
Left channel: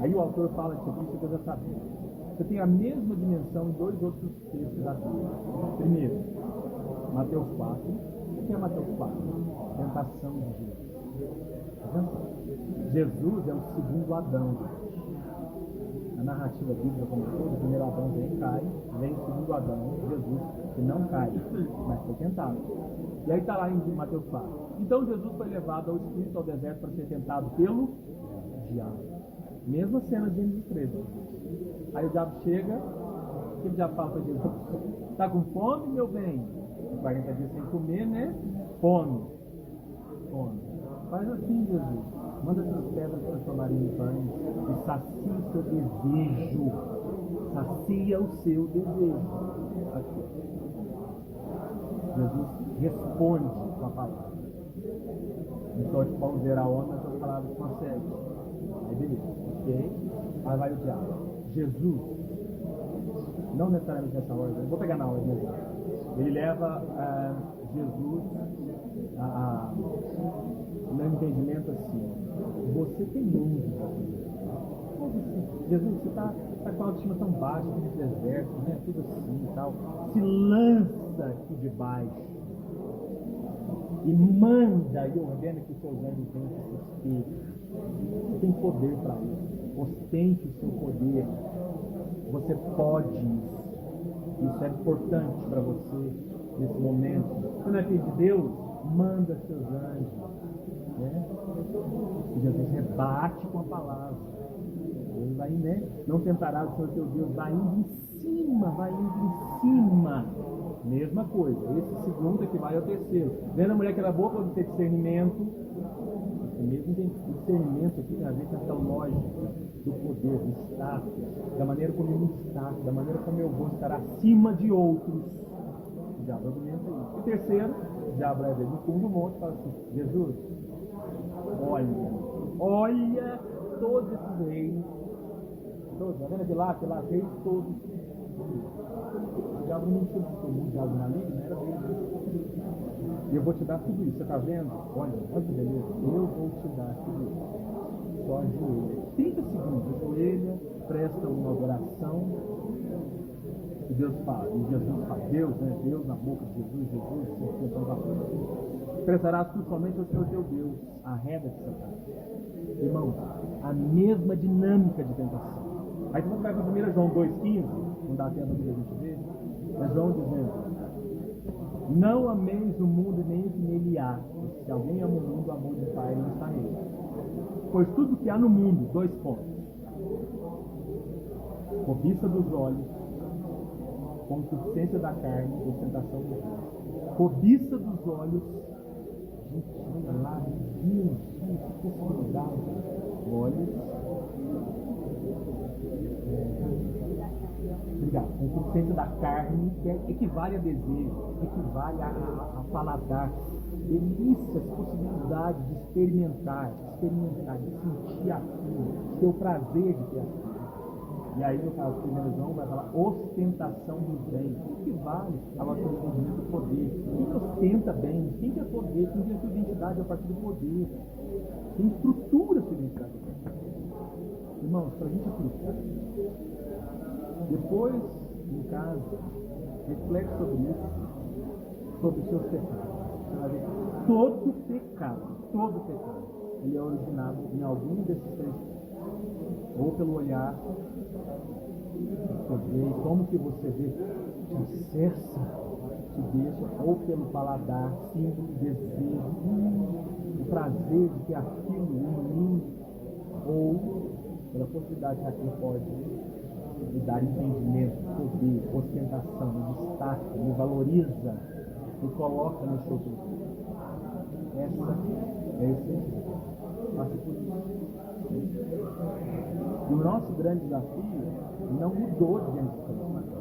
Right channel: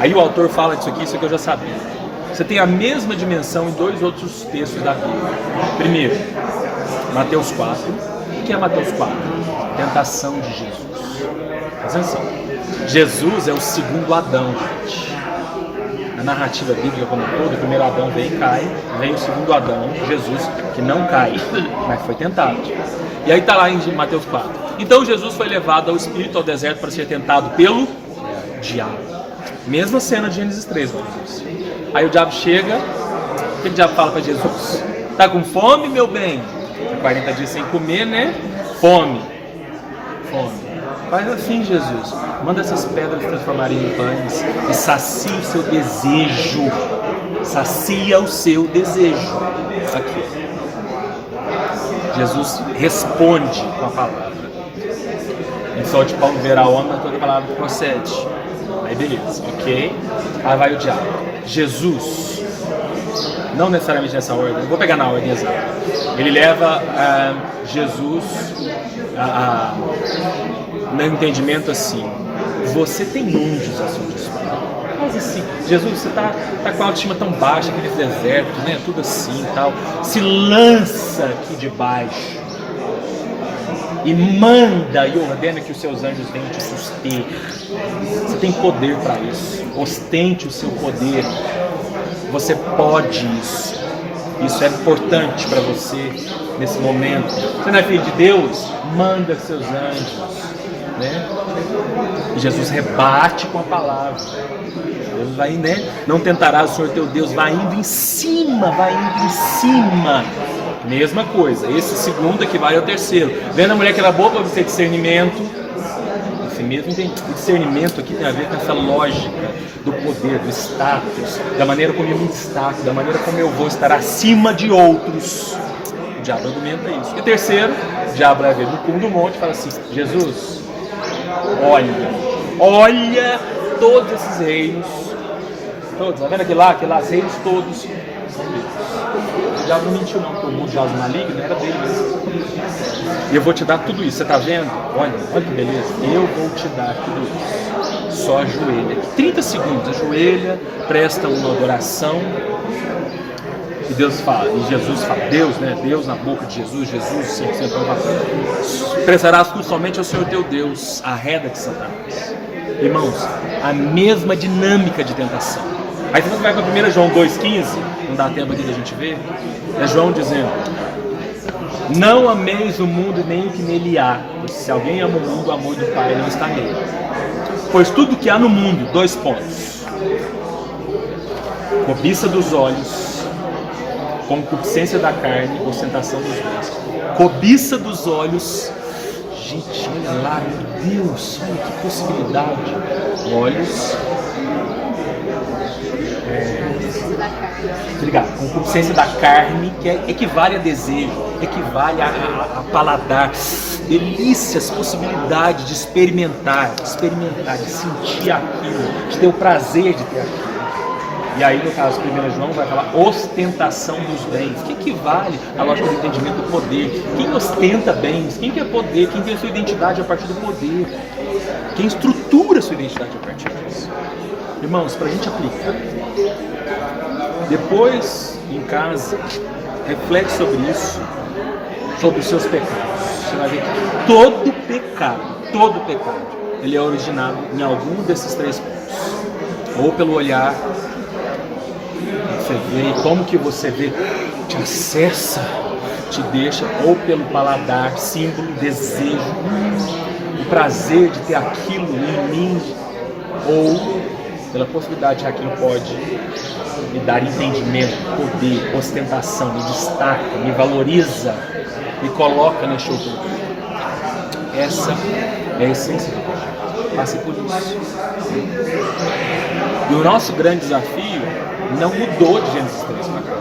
Aí o autor fala disso aqui, isso que eu já sabia. Você tem a mesma dimensão em dois outros textos da Bíblia. Primeiro, Mateus 4. O que é Mateus 4? Tentação de Jesus. Presta atenção. Jesus é o segundo Adão, gente. A narrativa bíblica como toda, o primeiro Adão vem e cai, vem o segundo Adão, Jesus, que não cai, mas foi tentado. E aí está lá em Mateus 4. Então Jesus foi levado ao Espírito ao deserto para ser tentado pelo diabo. Mesma cena de Gênesis 3, meu Deus. Aí o diabo chega, o que o diabo fala para Jesus? Tá com fome, meu bem? 40 dias sem comer, né? Fome. Faz assim, Jesus. Manda essas pedras se transformarem em pães e sacia o seu desejo. Sacia o seu desejo. Aqui. Jesus responde com a palavra. Em sol de pão verá a onda, toda palavra que procede. Aí beleza, ok? Aí vai o diabo. Jesus, não necessariamente nessa ordem, vou pegar na ordem exata. Ele leva Jesus no entendimento assim: você tem anjos a seu dispor. faz assim. Jesus, você tá com a autoestima tão baixa, aquele deserto, né? Tudo assim e tal. Se lança aqui de baixo. E manda e ordena que os seus anjos venham te suster. Você tem poder para isso. Ostente o seu poder. Você pode isso. Isso é importante para você nesse momento. Você não é filho de Deus? Manda seus anjos, né? E Jesus rebate com a palavra. Deus vai, né? Não tentarás o Senhor teu Deus. Vai indo em cima, vai indo em cima. Mesma coisa. Esse segundo equivale ao terceiro. Vendo a mulher que era boa para você discernimento. Esse mesmo discernimento aqui tem a ver com essa lógica do poder, do status, da maneira como eu me destaco, da maneira como eu vou estar acima de outros. O diabo argumenta isso. E terceiro, o diabo vai ver no cume do monte e fala assim: Jesus, olha todos esses reinos, todos, tá vendo aquele lá, os reinos todos são deles. O diabo não mentiu não, porque o mundo já os maligno era dele mesmo. E eu vou te dar tudo isso, você tá vendo? Olha que beleza, eu vou te dar tudo isso. Só ajoelha, 30 segundos, ajoelha, presta uma adoração. E Deus fala, e Jesus fala, Deus, né? Deus na boca de Jesus, sempre prestarás tu somente ao Senhor teu Deus, arreda de Satanás. Irmãos, a mesma dinâmica de tentação. Aí você vai para 1 João 2,15, não dá tempo aqui da gente ver, é João dizendo: não ameis o mundo nem o que nele há, pois se alguém ama o mundo, o amor do Pai não está nele. Pois tudo que há no mundo, 2 pontos: cobiça dos olhos, concupiscência da carne, ostentação dos bens. Cobiça dos olhos, gente, olha lá, meu Deus, olha que possibilidade. Olhos, obrigado. Concupiscência da carne, que equivale a desejo, equivale a paladar, delícias, possibilidade de experimentar, de sentir aquilo, de ter o prazer de ter aquilo. E aí, no caso, 1 João vai falar ostentação dos bens, que equivale à lógica do entendimento do poder. Quem ostenta bens? Quem quer poder? Quem tem a sua identidade a partir do poder? Quem estrutura a sua identidade a partir disso? Irmãos, para a gente aplicar, depois, em casa, reflete sobre isso, sobre os seus pecados. Você vai ver que todo pecado, ele é originado em algum desses 3 pontos. Ou pelo olhar, você vê, e como que você vê, te acessa, te deixa, ou pelo paladar, símbolo, desejo, o prazer de ter aquilo em mim, ou pela possibilidade que aquilo pode me dar entendimento, poder, ostentação, me destaca, me valoriza, me coloca neste outro lugar. Essa é a essência do projeto. Passe por isso. E o nosso grande desafio não mudou de Gênesis 3 para cá.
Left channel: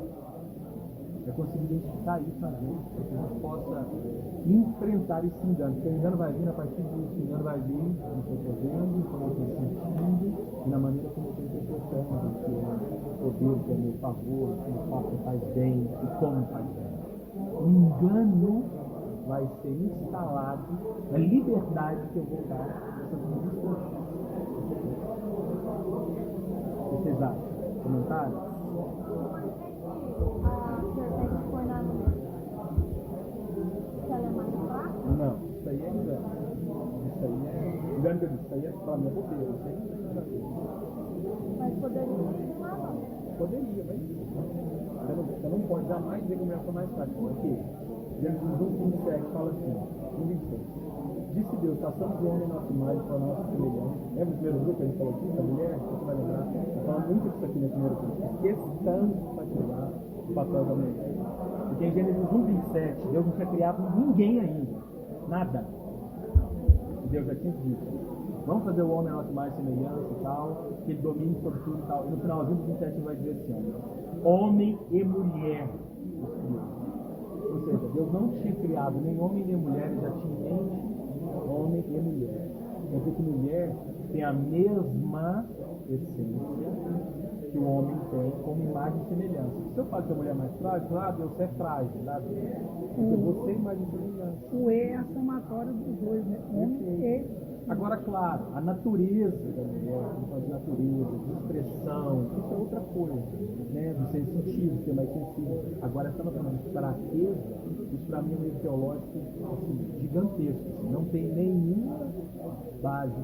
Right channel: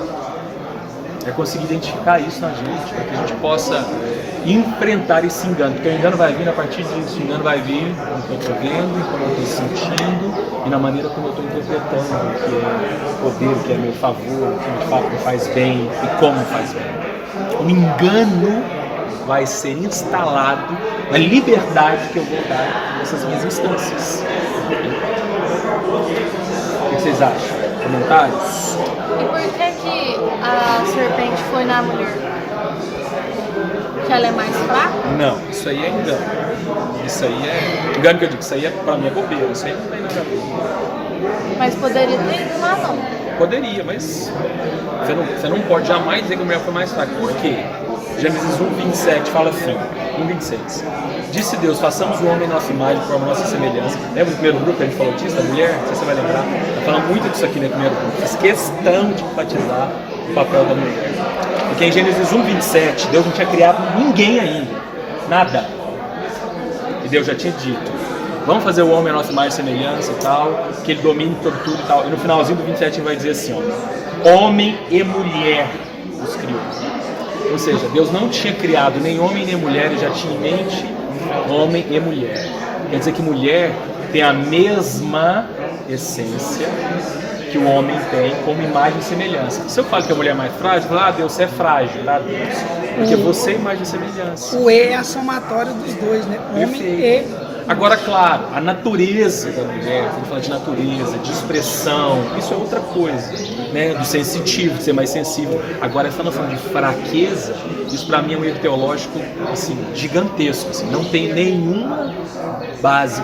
É conseguir identificar isso na gente, para que a gente possa enfrentar esse engano. Porque o engano vai vir a partir disso. O engano vai vir no que eu estou vendo, como eu estou sentindo e na maneira como eu estou interpretando o que é poder, o que é meu favor, o que de fato me faz bem e como faz bem. O engano vai ser instalado na liberdade que eu vou dar nessas minhas instâncias. O que vocês acham? Comentários? E por que a serpente foi na mulher? Que ela é mais fraca? Não, isso aí é engano. Isso aí é engano que eu digo, isso aí é pra mim é bobeira, isso aí não tem nada a ver. Mas poderia ter ido lá, não. Poderia, mas você não pode jamais dizer que a mulher foi mais fraca. Por quê? Gênesis 1:27 fala assim, 1:26. Disse Deus, façamos o homem nossa imagem, por nossa semelhança. Lembra do primeiro grupo que a gente falou disso, da mulher? Não sei se você vai lembrar. Está falando muito disso aqui no primeiro grupo. Fiz questão de enfatizar o papel da mulher. Porque em Gênesis 1:27, Deus não tinha criado ninguém ainda. Nada. E Deus já tinha dito, vamos fazer o homem a nossa imagem e semelhança e tal, que ele domine sobre tudo e tal. E no finalzinho do 27 ele vai dizer assim, ó, homem e mulher os criou. Ou seja, Deus não tinha criado nem homem nem mulher, ele já tinha em mente homem e mulher. Quer dizer que mulher tem a mesma essência que o homem tem como imagem e semelhança. Se eu falo que a mulher é mais frágil, eu falo, Deus, você é frágil, Deus. Porque você é imagem e semelhança. O E é a somatória dos dois, né? Homem Perfeito. Agora, claro, a natureza da mulher, quando fala de natureza, de expressão, isso é outra coisa, né? Do sensitivo, de ser mais sensível. Agora, essa noção de fraqueza, isso para mim é um erro teológico, assim, gigantesco, assim, não tem nenhuma base,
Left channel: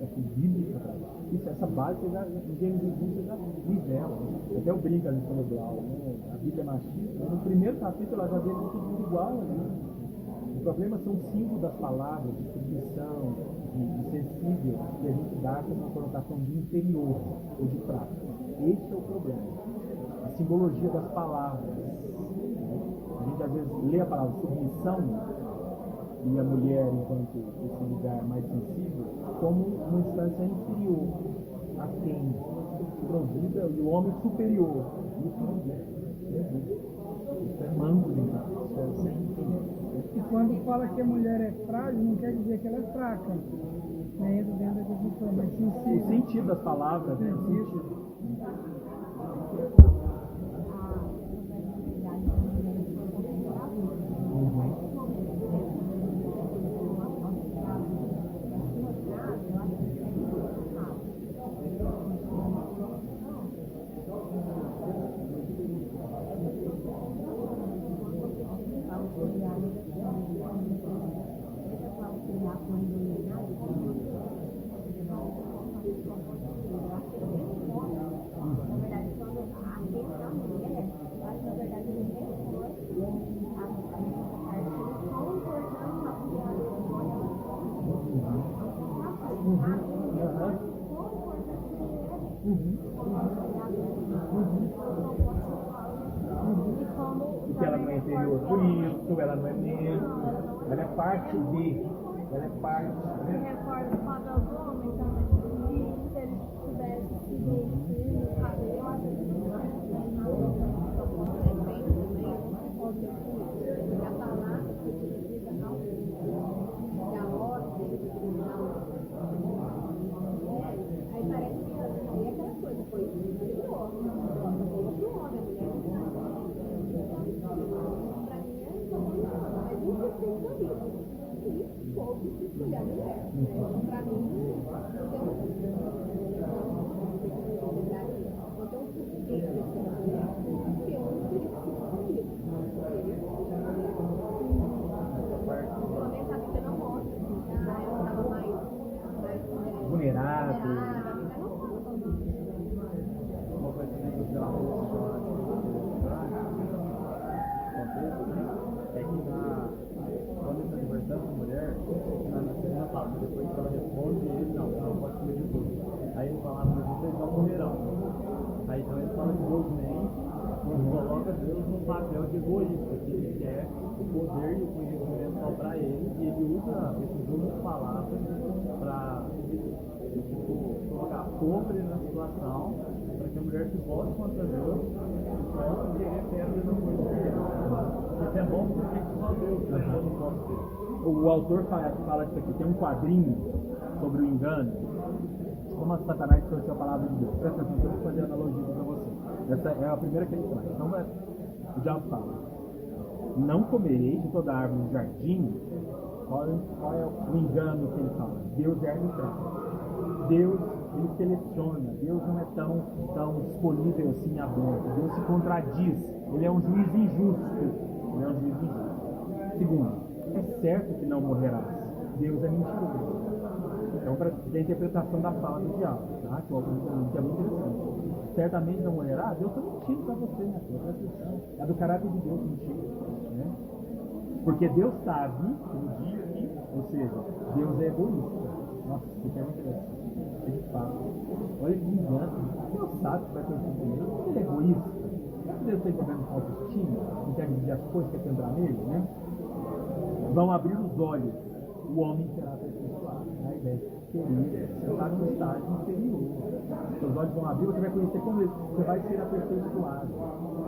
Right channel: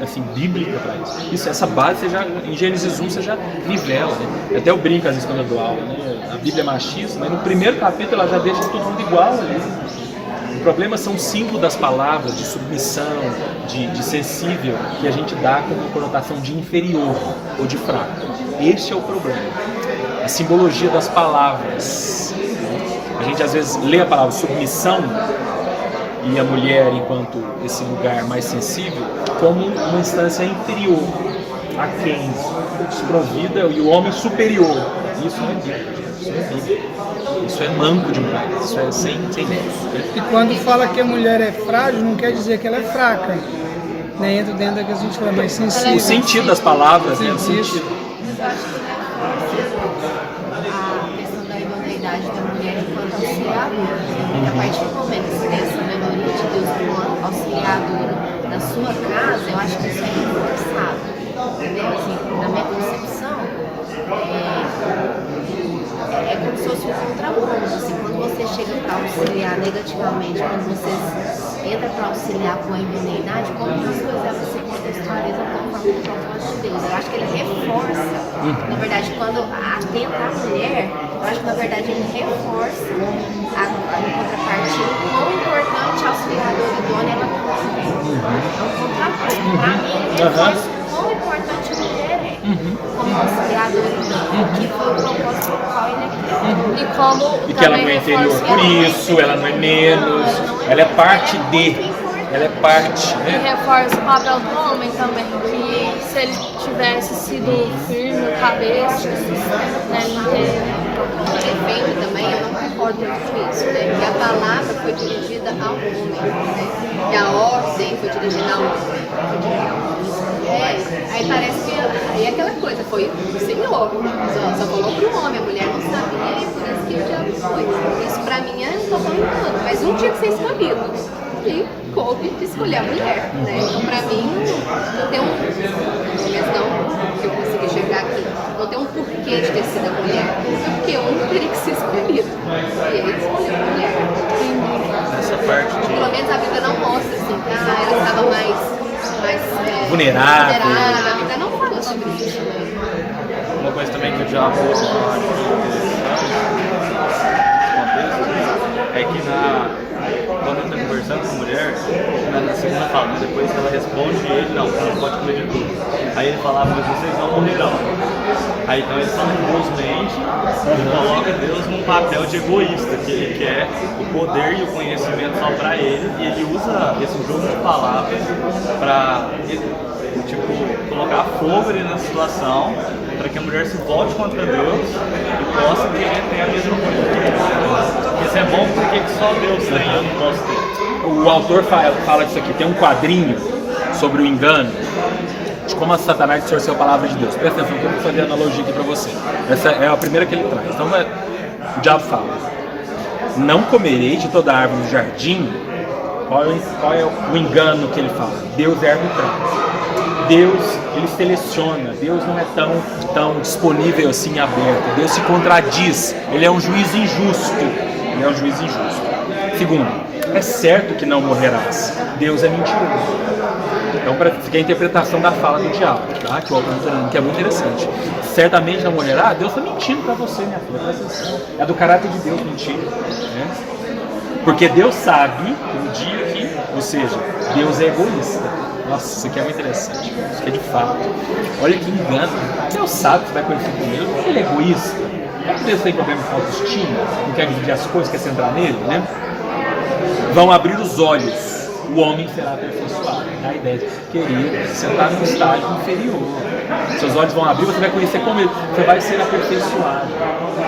assim, bíblica para isso. Essa base, você já, em Gênesis 1, você já nivela, né? Até eu brinco às vezes quando eu dou aula, né? A Bíblia é machista, mas no primeiro capítulo ela já deixa todo mundo igual ali. O problema são os símbolos das palavras, de submissão, de sensível, que a gente dá como conotação de inferior ou de fraco. Este é o problema. A simbologia das palavras. A gente às vezes lê a palavra submissão e a mulher enquanto esse lugar mais sensível como uma instância inferior, aquém, desprovida, e o homem superior. Isso não é Bíblia, isso não é Bíblia. Isso é manco demais, isso é sem nexo. E quando fala que a mulher é frágil, não quer dizer que ela é fraca. Né? Entra dentro da que a gente fala mais sensível. O sentido das palavras, né? O sentido. Mas eu acho que a questão da idoneidade da mulher enquanto auxiliadora, porque a partir do momento que você tem essa melhoria de Deus como auxiliadora na sua casa, eu acho que isso é reforçado. Entendeu? Assim, na minha concepção, é como se fosse um contraponto. Assim, quando você chega para auxiliar negativamente, quando você entra para auxiliar com a idoneidade, como que as coisas você contextualiza conforme o propósito de Deus? Eu acho que ele reforça, na verdade, quando atenta a mulher, eu acho que na verdade ele reforça a contrapartida, o quão importante a auxiliadora idônea ela tem. É um contraponto. Para mim, ele reforça o quão importante a mulher é como auxiliadora idônea, que foi o propósito pelo qual ele é criado. E como E que ela não é inferior por isso, ela não é menos, ela é parte de, ela é parte, E né? reforça o papel do homem também, que se ele tivesse sido firme, cabeça, né, não teria. Defendo também, eu não concordo muito com isso, né? Que a palavra foi dirigida ao homem, né? Que a ordem foi dirigida ao homem. Aí parece que aí é aquela coisa, foi o Senhor, só falou pro homem, a mulher não sabia e por isso que o diabo foi. Isso pra mim é um total engano, mas um tinha que ser escolhido. E coube de escolher a mulher, né? Então pra mim não tem pelo menos não que eu consegui chegar aqui, não tem um porquê de ter sido a mulher, porque um teria que ser escolhido. E ele escolheu a mulher. Essa parte. Pelo menos a Bíblia não mostra assim, ela estava mais Vulnerável. A Bíblia não fala sobre isso. Uma coisa também que eu já vou falar é que quando ele está conversando com a mulher, na segunda fala, mas depois que ela responde ele, não, você não pode comer de tudo. Aí ele fala, mas vocês não morrerão. Aí então ele fala que Deus mente e coloca Deus num papel de egoísta, que ele quer o poder e o conhecimento só para ele, e ele usa esse jogo de palavras para colocar fogo ali na situação, para que a mulher se volte contra Deus e possa querer ter a mesma coisa que ele. Isso é bom porque só Deus tem, eu não posso ter. O autor fala disso aqui, tem um quadrinho sobre o engano, de como a Satanás distorceu a palavra de Deus. Presta atenção, eu vou fazer a analogia aqui para você. Essa é a primeira que ele traz. Então o diabo fala, não comerei de toda árvore do jardim. Qual é o engano que ele fala? Deus é arbitrário. Deus, ele seleciona, Deus não é tão disponível assim aberto, Deus se contradiz, ele é um juiz injusto, Segundo, é certo que não morrerás, Deus é mentiroso. Então fica a interpretação da fala do diabo, tá? Que o autor está dando, que é muito interessante. Certamente não morrerá, Deus está mentindo para você, minha filha, presta atenção. É do caráter de Deus mentir, né? Porque Deus sabe que no dia que, ou seja, Deus é egoísta. Nossa, isso aqui é muito interessante. Isso aqui é de fato. Olha que engano. Deus sabe que você vai conhecer com ele. Ele é egoísta. Não é que Deus tem problema com autoestima, não quer dividir as coisas, quer centrar nele, né? Vão abrir os olhos. O homem será aperfeiçoado. A ideia de querer sentar num estágio inferior. Seus olhos vão abrir, você vai conhecer como ele. Você vai ser aperfeiçoado.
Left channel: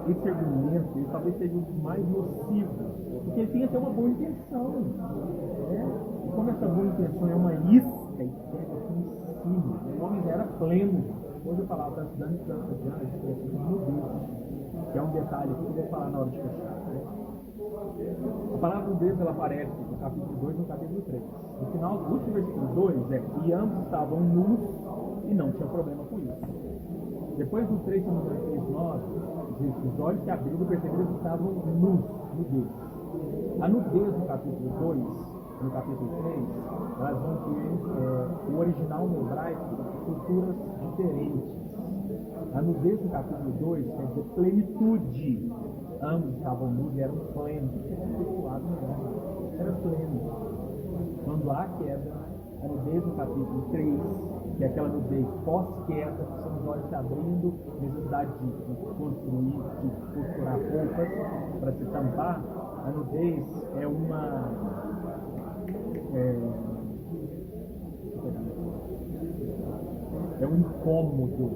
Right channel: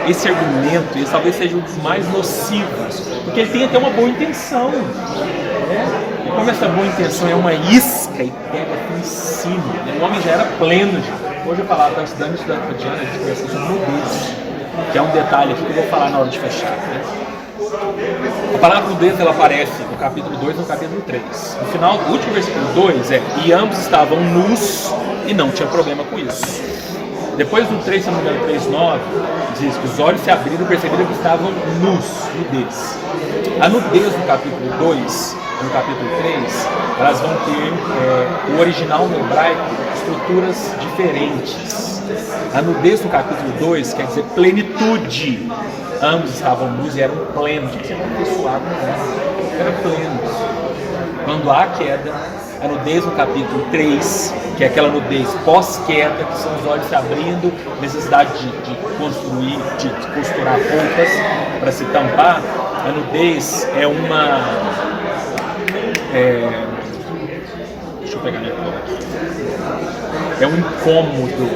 Esse argumento, esse talvez seja um dos mais nocivos, porque ele tem até uma boa intenção. Né? E como essa boa intenção é uma isca e pega aqui em cima, né? O homem já era pleno de. Hoje eu falava, estava estudando com a Diana, a gente conversou sobre nudez, que é um detalhe aqui que eu vou falar na hora de fechar. Né? A palavra nudez ela aparece no capítulo 2 e no capítulo 3. No final, o último versículo 2 e ambos estavam nus e não tinha problema com isso. Depois do 3, se não me engano, 3:9, diz que os olhos se abriram e perceberam que estavam nus, nudez. A nudez no capítulo 2 e no capítulo 3, elas vão ter, o original no hebraico, estruturas diferentes. A nudez no capítulo 2 quer dizer plenitude. Ambos estavam nus e eram plenos. O que você vai pessoar? Eram plenos. Quando há queda, a nudez no capítulo 3, que é aquela nudez pós-queda, que são os olhos se abrindo, necessidade de construir, de costurar roupas para se tampar. A nudez é uma... deixa eu pegar minha cola aqui. É um incômodo.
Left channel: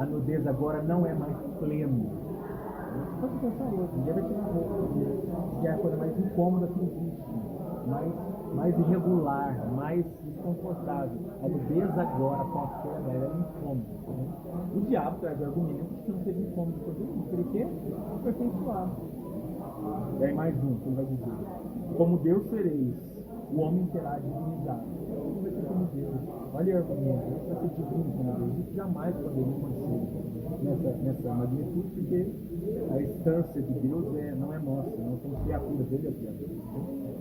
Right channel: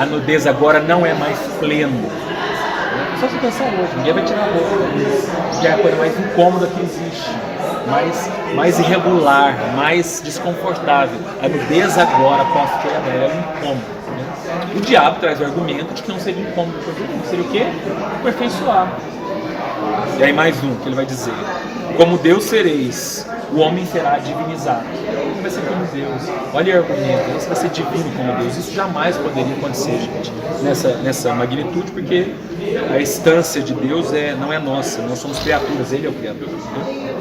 A nudez agora não é mais pleno. Só se pensar hoje, ninguém vai tirar a roupa. Já é a coisa mais incômoda que existe. Mais irregular, mais desconfortável. A nudez agora, pós-queda, é um incômodo. Né? O diabo traz o argumento de que não seria incômodo para o mundo. Seria o quê? Aperfeiçoar. E aí mais um que ele vai dizer. Como Deus sereis, o homem será divinizado. Ele vai ser como Deus. Olha o argumento, você vai ser divino como Deus. Isso jamais poderia acontecer, gente, nessa magnitude, porque a instância de Deus não é nossa, nós somos criaturas, Ele é o Criador. Né?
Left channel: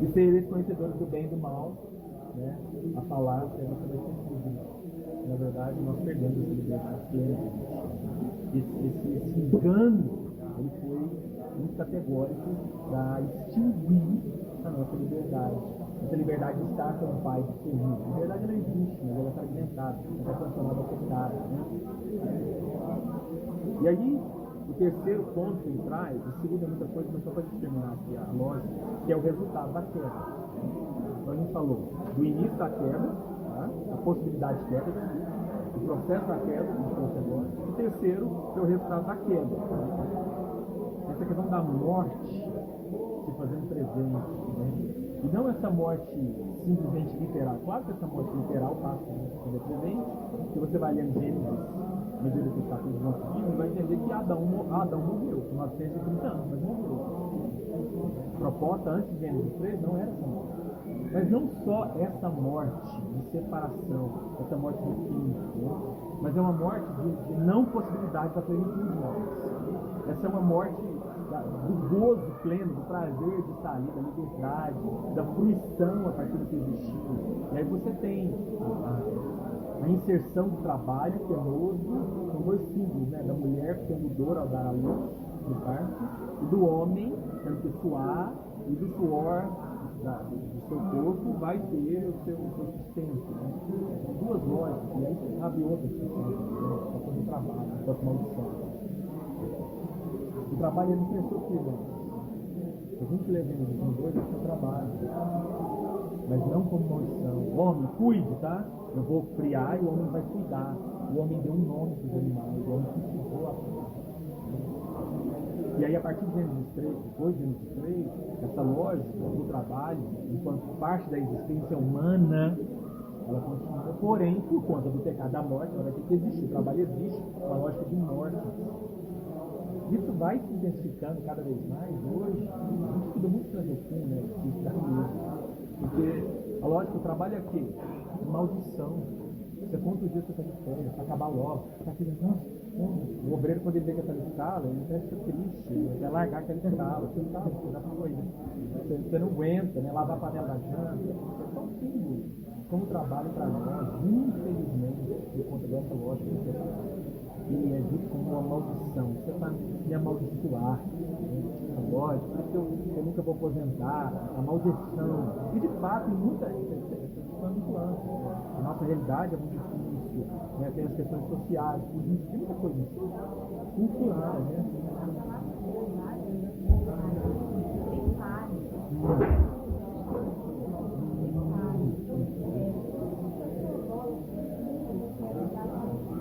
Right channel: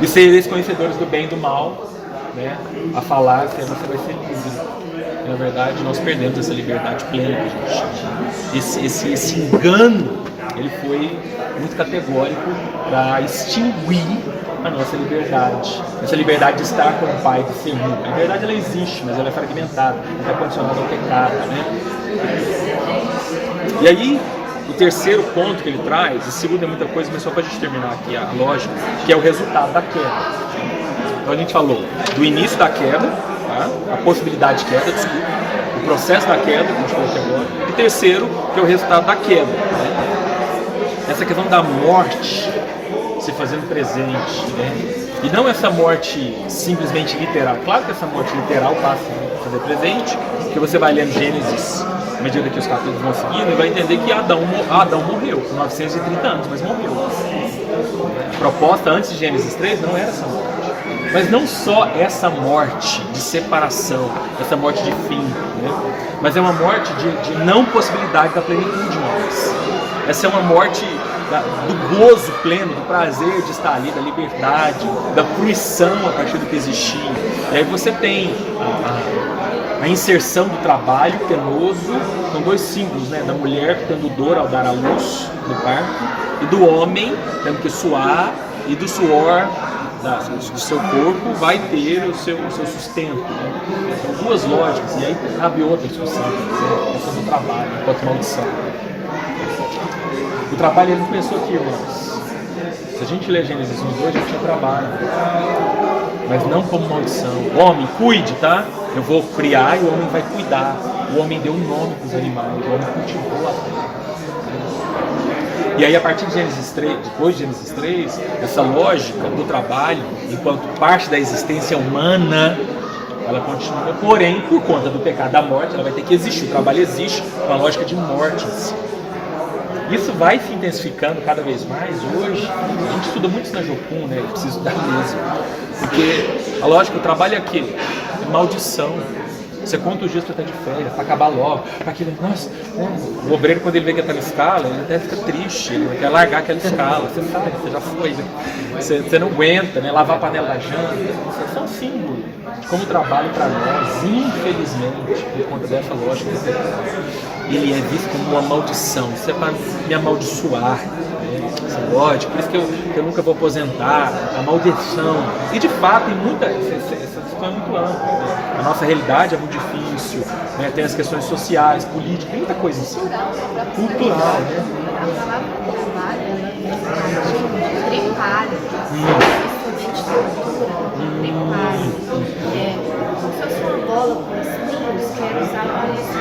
E sereis conhecedores do bem e do mal, né? A falar que você vai ser livre. E, na verdade, nós perdemos essa liberdade plena que a gente tinha. Esse engano, ele foi muito categórico para extinguir a nossa liberdade. Essa liberdade de estar com o Pai, de ser um. A liberdade ela existe, mas ela é fragmentada, ela está condicionada ao pecado. Né? E aí, o terceiro ponto que ele traz, o segundo é muita coisa, mas só para a gente terminar aqui a lógica, que é o resultado da queda. Então a gente falou do início da queda, tá? A possibilidade de queda, desculpa, o processo da queda, que a gente falou aqui agora, e terceiro, que é o resultado da queda. Né? Essa questão da morte se fazendo presente, né? E não essa morte simplesmente literal. Claro que essa morte literal passa a fazer presente, porque você vai lendo Gênesis, à medida que os capítulos vão seguindo, e vai entender que Adão morreu com 930 anos, mas morreu. A proposta antes de Gênesis 3 não era essa morte. Mas não só essa morte de separação, essa morte de fim, né? Mas é uma morte de não possibilidade da plenitude mais. Essa é uma morte do gozo pleno, do prazer de estar ali, da liberdade, da fruição a partir do que existia. E aí você tem a inserção do trabalho penoso, são dois símbolos, né? Da mulher tendo dor ao dar à luz no parto, e do homem tendo que suar, e do suor do seu corpo vai ter o seu sustento. Né? São duas lógicas, e aí cabe outra discussão, né? Essa do trabalho, enquanto maldição. O trabalho ele não começou aqui, irmãos. Se a gente ler Gênesis 1 e 2, a gente tinha trabalho. Mas não como maldição. Homem, cuide, tá? Eu vou criar e o homem vai cuidar. O homem deu um nome para os animais, o homem cultivou a terra. E aí, a partir de Gênesis 3, depois de Gênesis 3, essa lógica do trabalho, enquanto parte da existência humana, ela continua. Porém, por conta do pecado da morte, ela vai ter que existir. O trabalho existe com a lógica de morte em si. Isso vai se intensificando cada vez mais. Hoje, a gente estuda muito isso na Jocum, né? Eu preciso estudar mesmo. Porque a lógica, o trabalho é aquele, é maldição. Você conta os dias para estar de férias, para acabar logo, para aquele, nossa, o obreiro quando ele vê que está na escala, ele até fica triste, ele quer largar aquela escala, você sabe, você já foi, né? Você não aguenta, né? Lavar a panela da janta, isso é um símbolo de como o trabalho para nós, infelizmente, por conta dessa lógica, ele é visto como uma maldição, isso é para me amaldiçoar, né? Essa lógica, por isso que eu nunca vou aposentar, a maldição, e de fato, em muita, essa questão é muito ampla, né? A nossa realidade é muito difícil, né? Tem as questões sociais, políticas, tem muita coisa assim. Cultural, né? A palavra trabalho, ela vem de tripalho, principalmente cultura, tripalho. Como se fosse uma bola com espinhos que era usada para isso.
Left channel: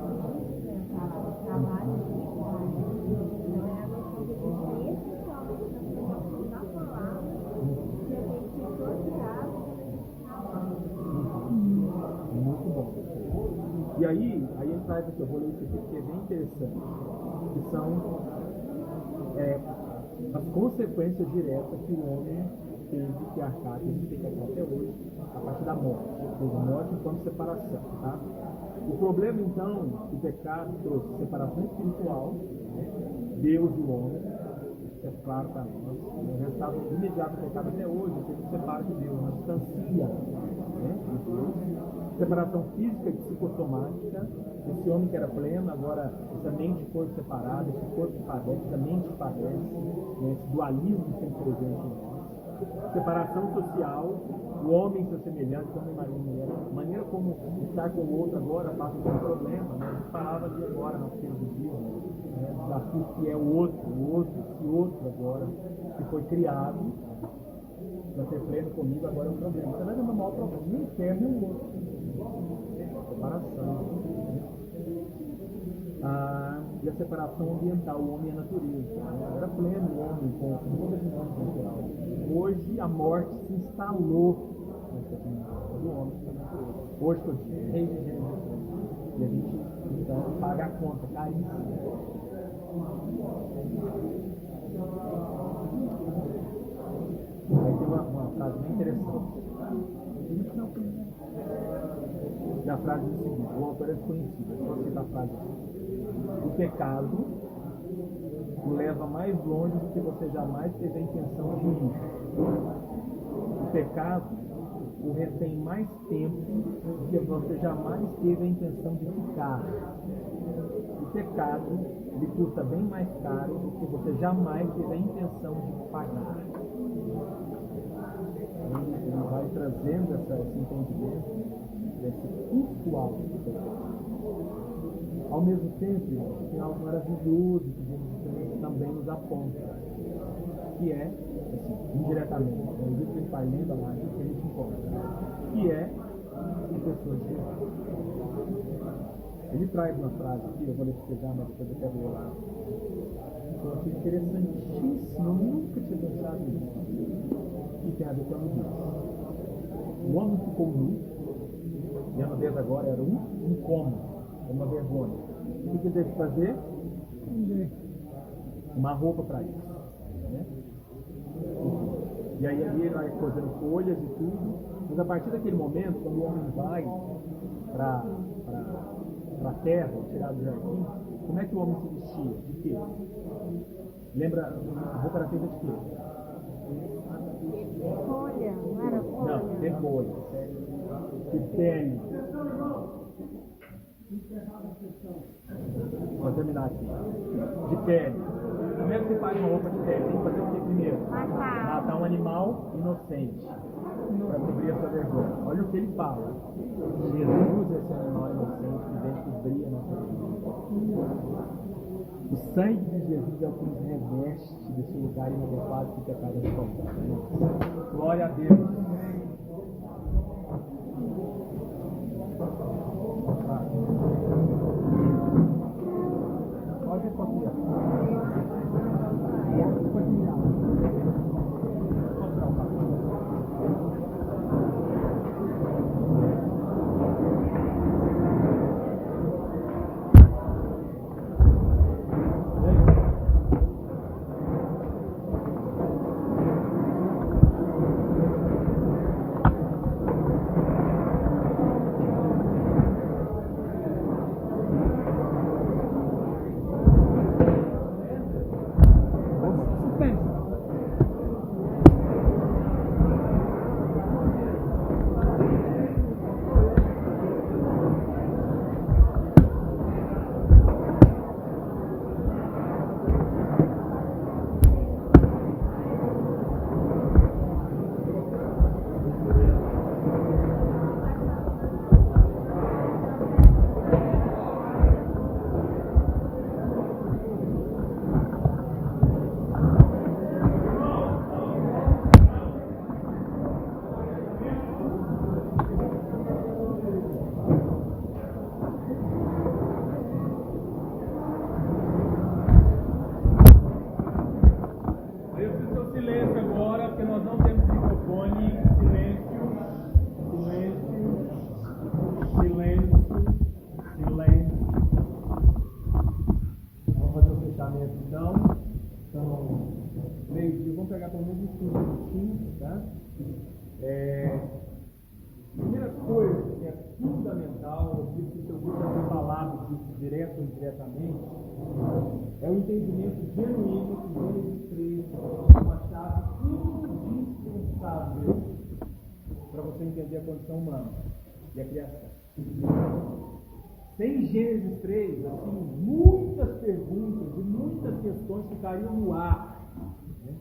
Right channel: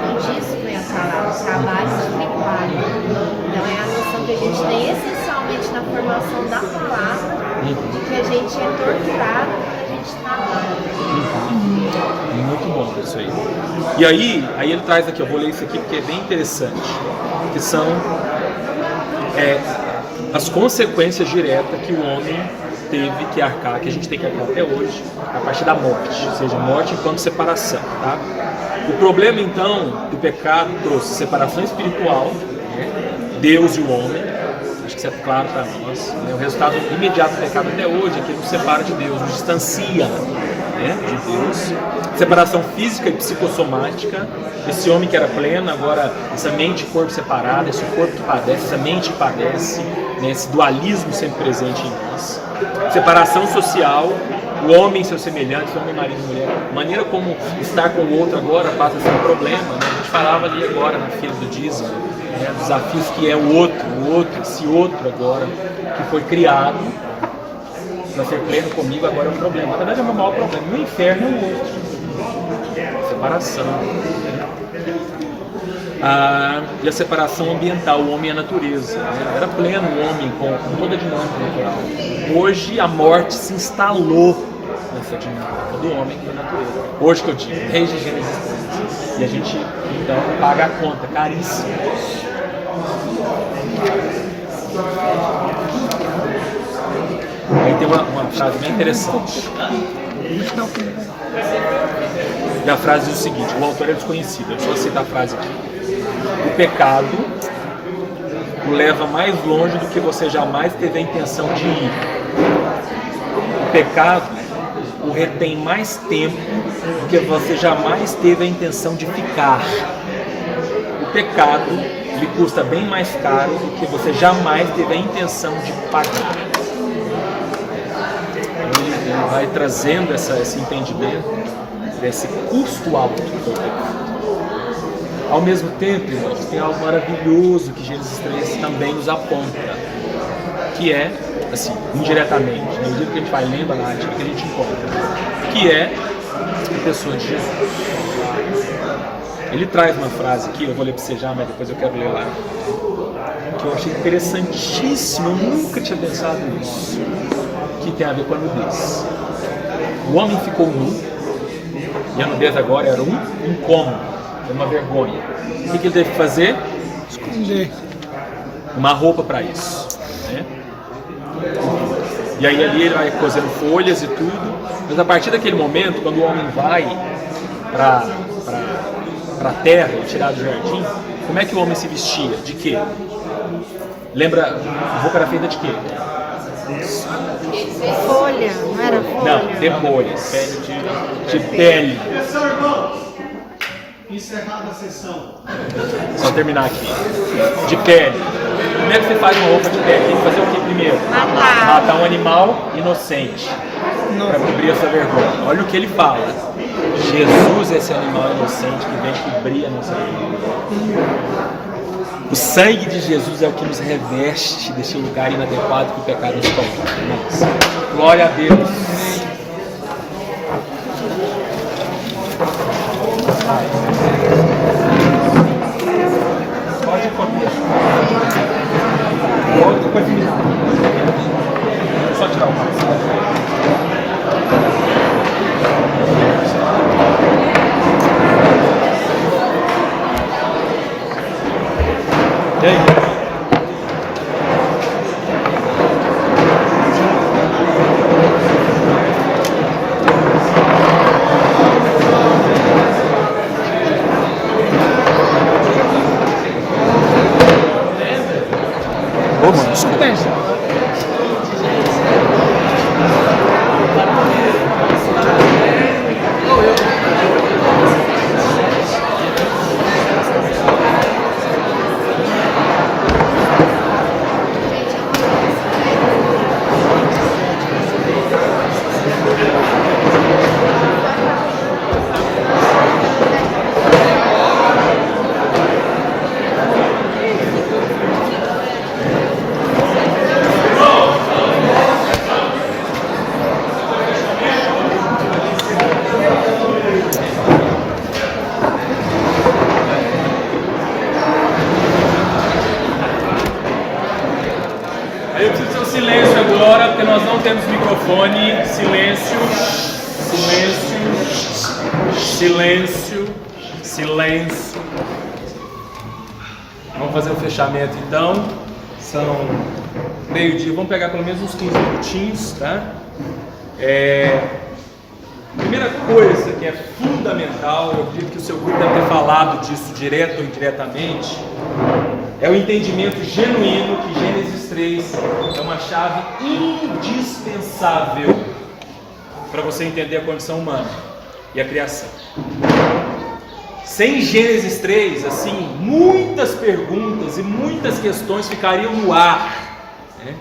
E disso vem a palavra, trabalho de tripalho. Então é a noção que a gente tem essencialmente na formação da palavra, que a gente é torturado quando a gente trabalha. Muito bom isso aí. E aí ele traz aqui, eu vou ler isso aqui porque é bem interessante, que são as consequências diretas que o homem teve que arcar, que a gente tem que arcar até hoje, a partir da morte, ou seja, morte enquanto separação, tá? O problema, então, do pecado trouxe separação espiritual, né? Deus e o homem, acho que isso é claro para nós, né? O resultado imediato do pecado até hoje é que nos separa de Deus, nos distancia, né, de Deus. Separação física e psicossomática, esse homem que era pleno, agora essa mente e corpo separado, esse corpo que padece, essa mente que padece, né, esse dualismo sempre presente em nós. Separação social, o homem e seus semelhantes, homem, marido e mulher, a maneira como estar com o outro agora passa a ser um problema, né? A gente falava ali agora na fila do dízimo, né, dos desafios que é o outro, esse outro agora que foi criado para ser pleno comigo, agora é um problema. Na verdade é o meu maior problema. No inferno é o outro. Separação. E a separação ambiental, o homem e a natureza. Né? Era pleno o homem com toda a dinâmica natural. Hoje a morte se instalou nessa dinâmica do homem com a natureza. Hoje que eu digo, desde Gênesis 3. E a gente então paga a conta, caríssimo. Aí tem uma frase bem interessante. E a frase diz o seguinte, o autor é desconhecido, eu só cito a frase aqui. O pecado o leva mais longe do que você jamais teve a intenção de ir. O pecado o retém mais tempo do que você jamais teve a intenção de ficar. O pecado lhe custa bem mais caro do que você jamais teve a intenção de pagar. Ele vai trazendo esse entendimento desse custo alto que foi o pecado. Ao mesmo tempo, irmãos, tem algo maravilhoso que Gênesis 3 também nos aponta, que é, assim, indiretamente, no medida que a gente vai lendo a narrativa que a gente encontra, que é a pessoa de Jesus. Ele traz uma frase aqui, eu vou ler para você já, mas depois eu quero ler lá, que eu achei interessantíssimo, eu nunca tinha pensado nisso, que tem a ver com a nudez. O homem ficou nu, e a nudez agora era um incômodo, era uma vergonha. O que ele teve que fazer? Esconder. Uma roupa para isso, né? E aí ali ele vai cozendo folhas e tudo, mas a partir daquele momento, quando o homem vai para a terra, tirado do jardim, como é que o homem se vestia? De quê? Lembra, a roupa era feita de quê? Folha, não era folha? Não, de folhas. De pele. Encerrada a sessão. Só terminar aqui. De pele. Como é que você faz uma roupa de pele? Tem que fazer o que primeiro? Matar um animal inocente. Para cobrir essa vergonha. Olha o que ele fala. Jesus é esse animal inocente que vem cobrir a nossa vergonha. O sangue de Jesus é o que nos reveste desse lugar inadequado que o pecado nos coloca. Glória a Deus. Pode comer. Pode terminar. Só tirar o passo. E aí? Suspense. Aí eu preciso ter um silêncio agora, porque nós não temos microfone. Silêncio, silêncio, silêncio, silêncio. Vamos fazer o fechamento então. São meio-dia, vamos pegar pelo menos uns 15 minutinhos, tá? Primeira coisa que é fundamental, eu acredito que o seu grupo deve ter falado disso direto ou indiretamente, é o entendimento genuíno que Gênesis 3 é uma chave indispensável para você entender a condição humana e a criação. Sem Gênesis 3, assim, muitas perguntas e muitas questões ficariam no ar, né?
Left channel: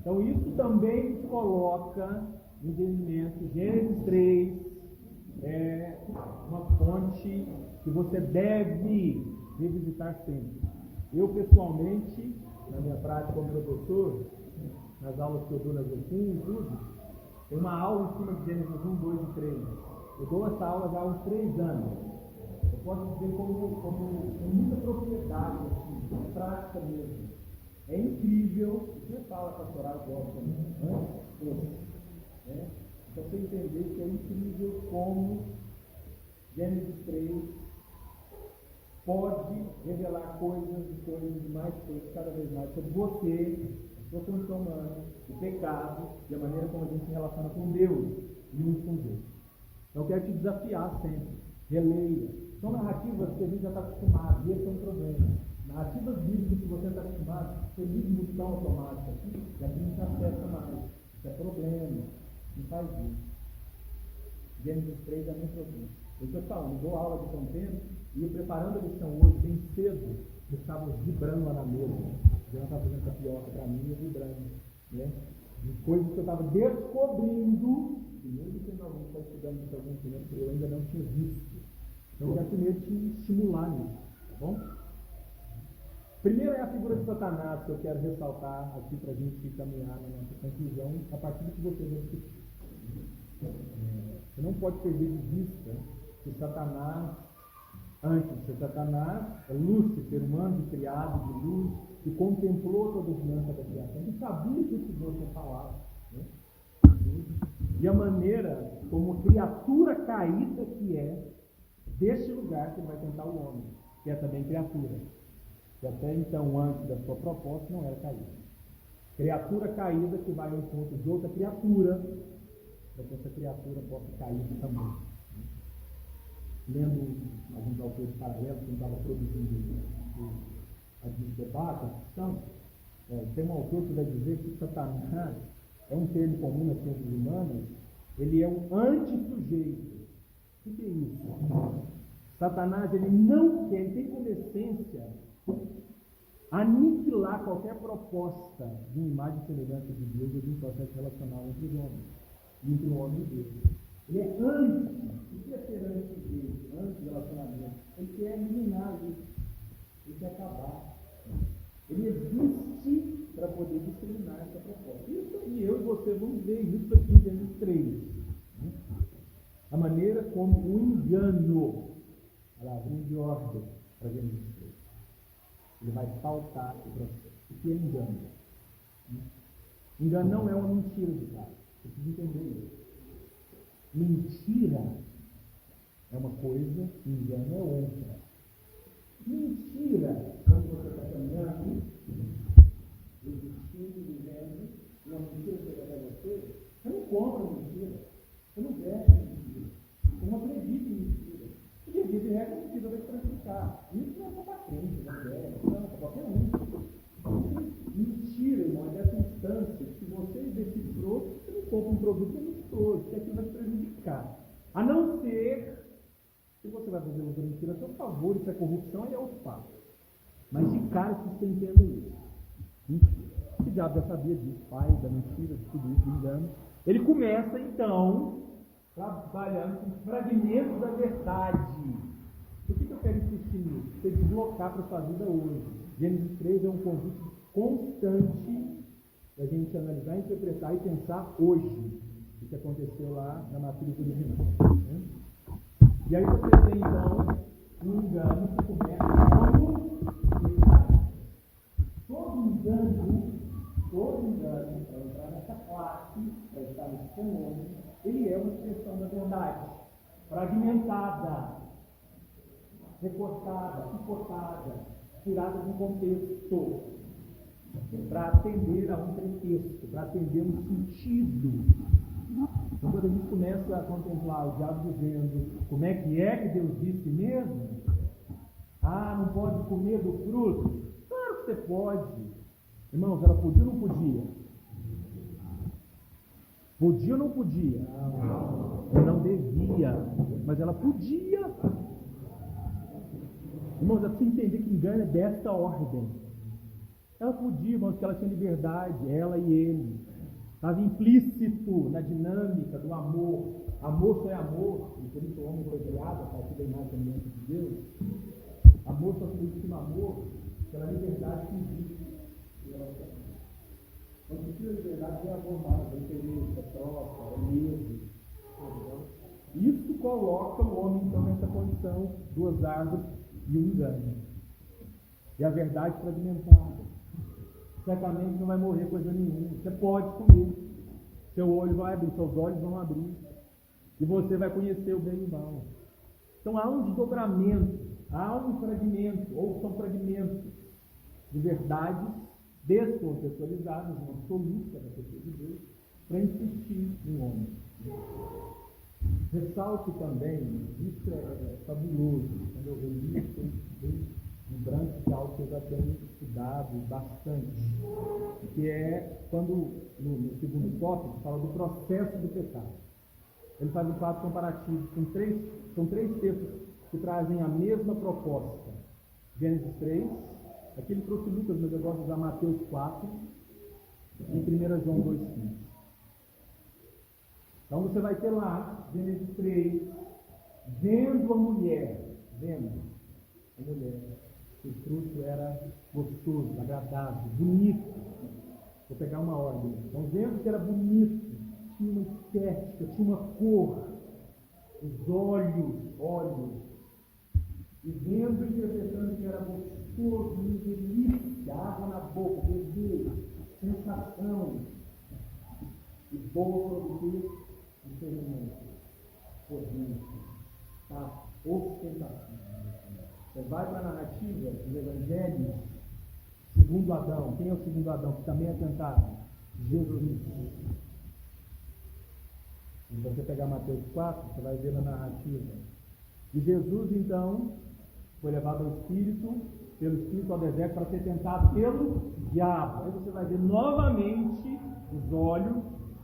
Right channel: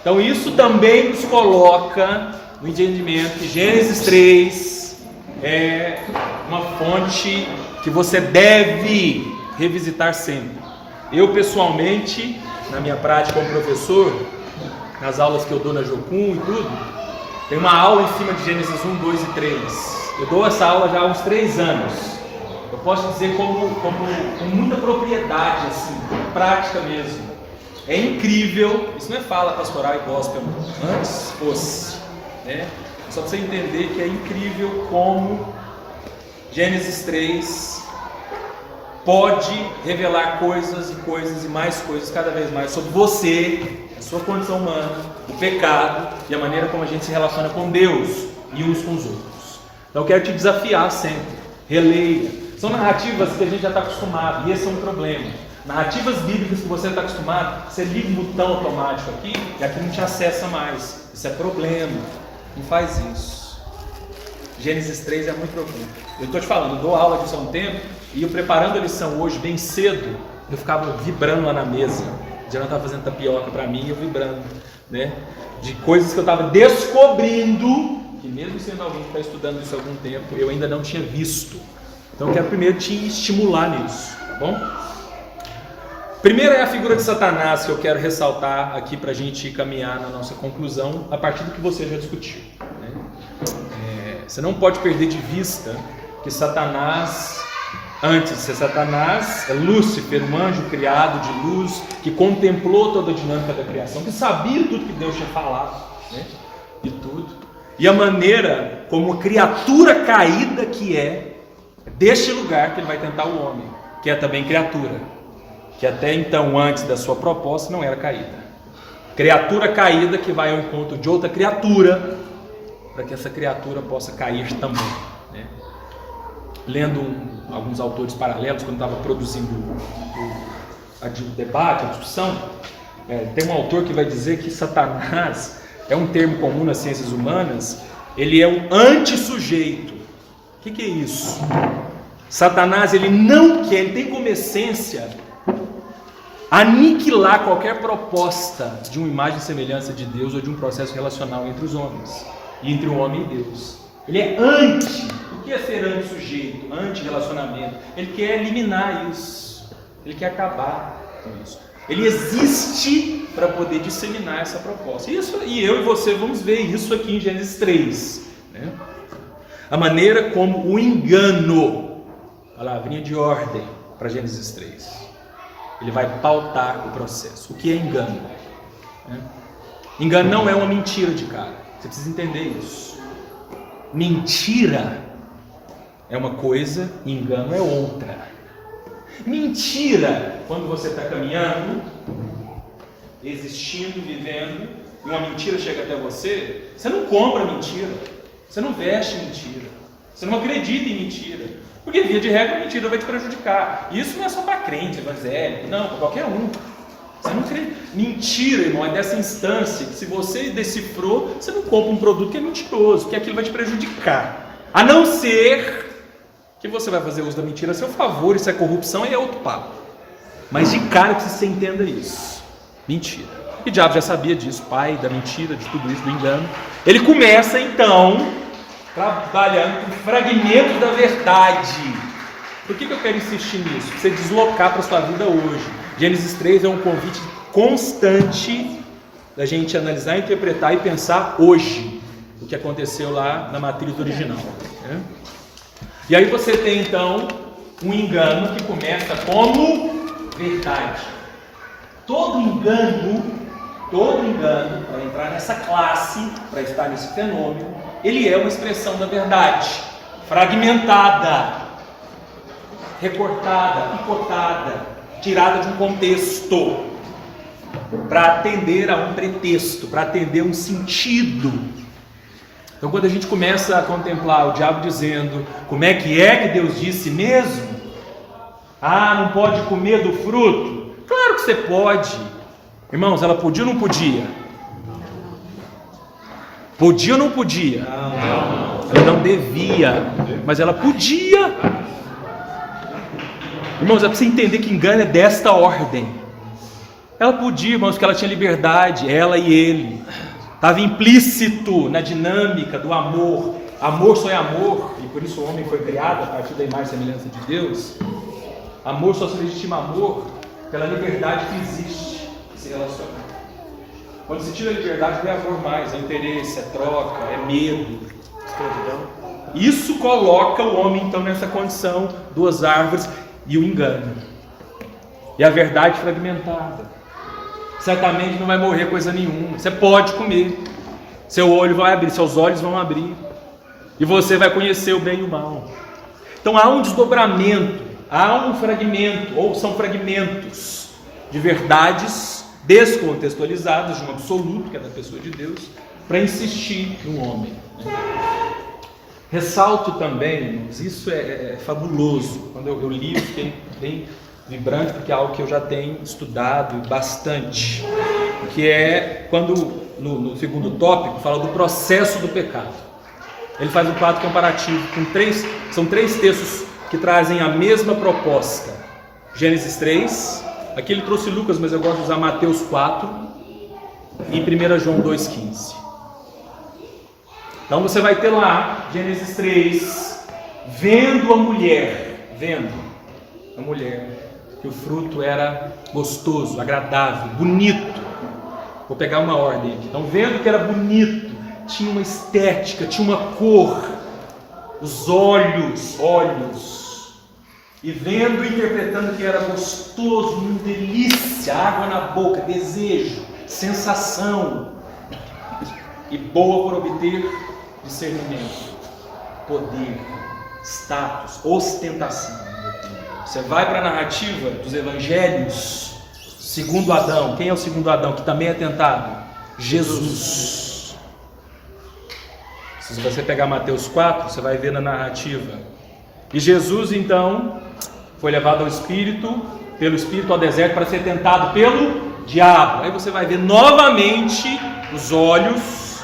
Então isso também nos coloca no entendimento que Gênesis 3 é uma fonte que você deve revisitar sempre. Eu pessoalmente, na minha prática como professor, nas aulas que eu dou na Jocum e tudo, tem uma aula em cima de Gênesis 1, 2 e 3. Eu dou essa aula já há uns 3 anos. Eu posso dizer com muita propriedade, assim, prática mesmo. É incrível, isso não é fala pastoral e gospel, antes fosse, né? Só para você entender que é incrível como Gênesis 3 pode revelar coisas e mais coisas cada vez mais sobre você, a sua condição humana, o pecado e a maneira como a gente se relaciona com Deus e uns com os outros. Então eu quero te desafiar sempre, releia. São narrativas que a gente já está acostumado e esse é um problema. Narrativas bíblicas que você está acostumado, você liga um botão automático aqui e aqui não te acessa mais. Isso é problema, não faz isso. Gênesis 3 é muito profundo. Eu estou te falando, eu dou aula disso há um tempo e eu preparando a lição hoje bem cedo, eu ficava vibrando lá na mesa. O Diana estava fazendo tapioca para mim e eu vibrando, né? De coisas que eu estava descobrindo, que mesmo sendo alguém que está estudando isso há algum tempo, eu ainda não tinha visto. Então eu quero primeiro te estimular nisso, tá bom? Primeiro é a figura de Satanás que eu quero ressaltar aqui para a gente caminhar na nossa conclusão a partir do que você já discutiu, né? Você não pode perder de vista que Satanás, antes de ser Satanás, é Lúcifer, um anjo criado de luz, que contemplou toda a dinâmica da criação, que sabia tudo que Deus tinha falado, né? E tudo. E a maneira como criatura caída que é deste lugar que ele vai tentar o homem, que é também criatura, que até então, antes da sua proposta, não era caída. Criatura caída que vai ao encontro de outra criatura, para que essa criatura possa cair também, né? Lendo alguns autores paralelos, quando estava produzindo o debate, a discussão, tem um autor que vai dizer que Satanás é um termo comum nas ciências humanas, ele é um antissujeito. O que é isso? Satanás, ele não quer, ele tem como essência aniquilar qualquer proposta de uma imagem e semelhança de Deus ou de um processo relacional entre os homens e entre o homem e Deus. Ele é anti. O que é ser anti-sujeito, anti-relacionamento? Ele quer eliminar isso, ele quer acabar com isso. Ele existe para poder disseminar essa proposta. Isso, e eu e você vamos ver isso aqui em Gênesis 3, né? A maneira como o engano, palavrinha de ordem para Gênesis 3, ele vai pautar o processo. O que é engano? Engano não é uma mentira de cara. Você precisa entender isso. Mentira é uma coisa, engano é outra. Mentira, quando você está caminhando, existindo, vivendo, e uma mentira chega até você, você não compra mentira, você não veste mentira, você não acredita em mentira, porque via de regra a mentira vai te prejudicar. E isso não é só para crente, evangélico, não, para qualquer um. Você não crê. Mentira, irmão, é dessa instância que se você decifrou, você não compra um produto que é mentiroso, porque aquilo vai te prejudicar. A não ser que você vai fazer uso da mentira a seu favor, isso é corrupção e é outro papo. Mas de cara que você entenda isso. Mentira. E o diabo já sabia disso, pai da mentira, de tudo isso, do engano. Ele começa então trabalhando com fragmentos da verdade. Por que eu quero insistir nisso? Para você deslocar para a sua vida hoje. Gênesis 3 é um convite constante da gente analisar, interpretar e pensar hoje o que aconteceu lá na matriz original, né? E aí você tem então um engano que começa como verdade. Todo engano, para entrar nessa classe, para estar nesse fenômeno, ele é uma expressão da verdade, fragmentada, recortada, picotada, tirada de um contexto. para atender a um pretexto, para atender um sentido. Então, quando a gente começa a contemplar o diabo dizendo como é que Deus disse mesmo? Ah, não pode comer do fruto? Claro que você pode. Irmãos, ela podia ou não podia? Podia ou não podia? Não. Ela não devia, mas ela podia. Irmãos, é para você entender que engano é desta ordem. Ela podia, irmãos, porque ela tinha liberdade, ela e ele. Estava implícito na dinâmica do amor. Amor só é amor, e por isso o homem foi criado a partir da imagem e semelhança de Deus. Amor só se legitima amor pela liberdade que existe em se relacionar. Quando se tira a liberdade, não é amor mais, é interesse, é troca, é medo, escravidão. Isso coloca o homem então nessa condição, duas árvores e o engano. E a verdade fragmentada. Certamente não vai morrer coisa nenhuma. Você pode comer. Seu olho vai abrir, seus olhos vão abrir. E você vai conhecer o bem e o mal. Então há um desdobramento, há um fragmento, ou são fragmentos de verdades descontextualizadas de um absoluto, que é da pessoa de Deus, para insistir no homem. Ressalto também, irmãos, isso é fabuloso. Quando eu li, eu fiquei bem vibrante, porque é algo que eu já tenho estudado bastante, que é quando no segundo tópico fala do processo do pecado. Ele faz um quadro comparativo com são três textos que trazem a mesma proposta. Gênesis 3, aqui ele trouxe Lucas, mas eu gosto de usar Mateus 4 e 1 João 2,15. Então você vai ter lá, Gênesis 3, vendo a mulher, que o fruto era gostoso, agradável, bonito. Vou pegar uma ordem aqui. Então, vendo que era bonito, tinha uma estética, tinha uma cor, os olhos, e vendo e interpretando que era gostoso, uma delícia, água na boca, desejo, sensação, e boa por obter discernimento, poder, status, ostentação. Você vai para a narrativa dos evangelhos, segundo Adão. Quem é o segundo Adão que também é tentado? Jesus. Se você pegar Mateus 4, você vai ver na narrativa. E Jesus então foi levado pelo Espírito ao deserto para ser tentado pelo diabo. Aí você vai ver novamente os olhos,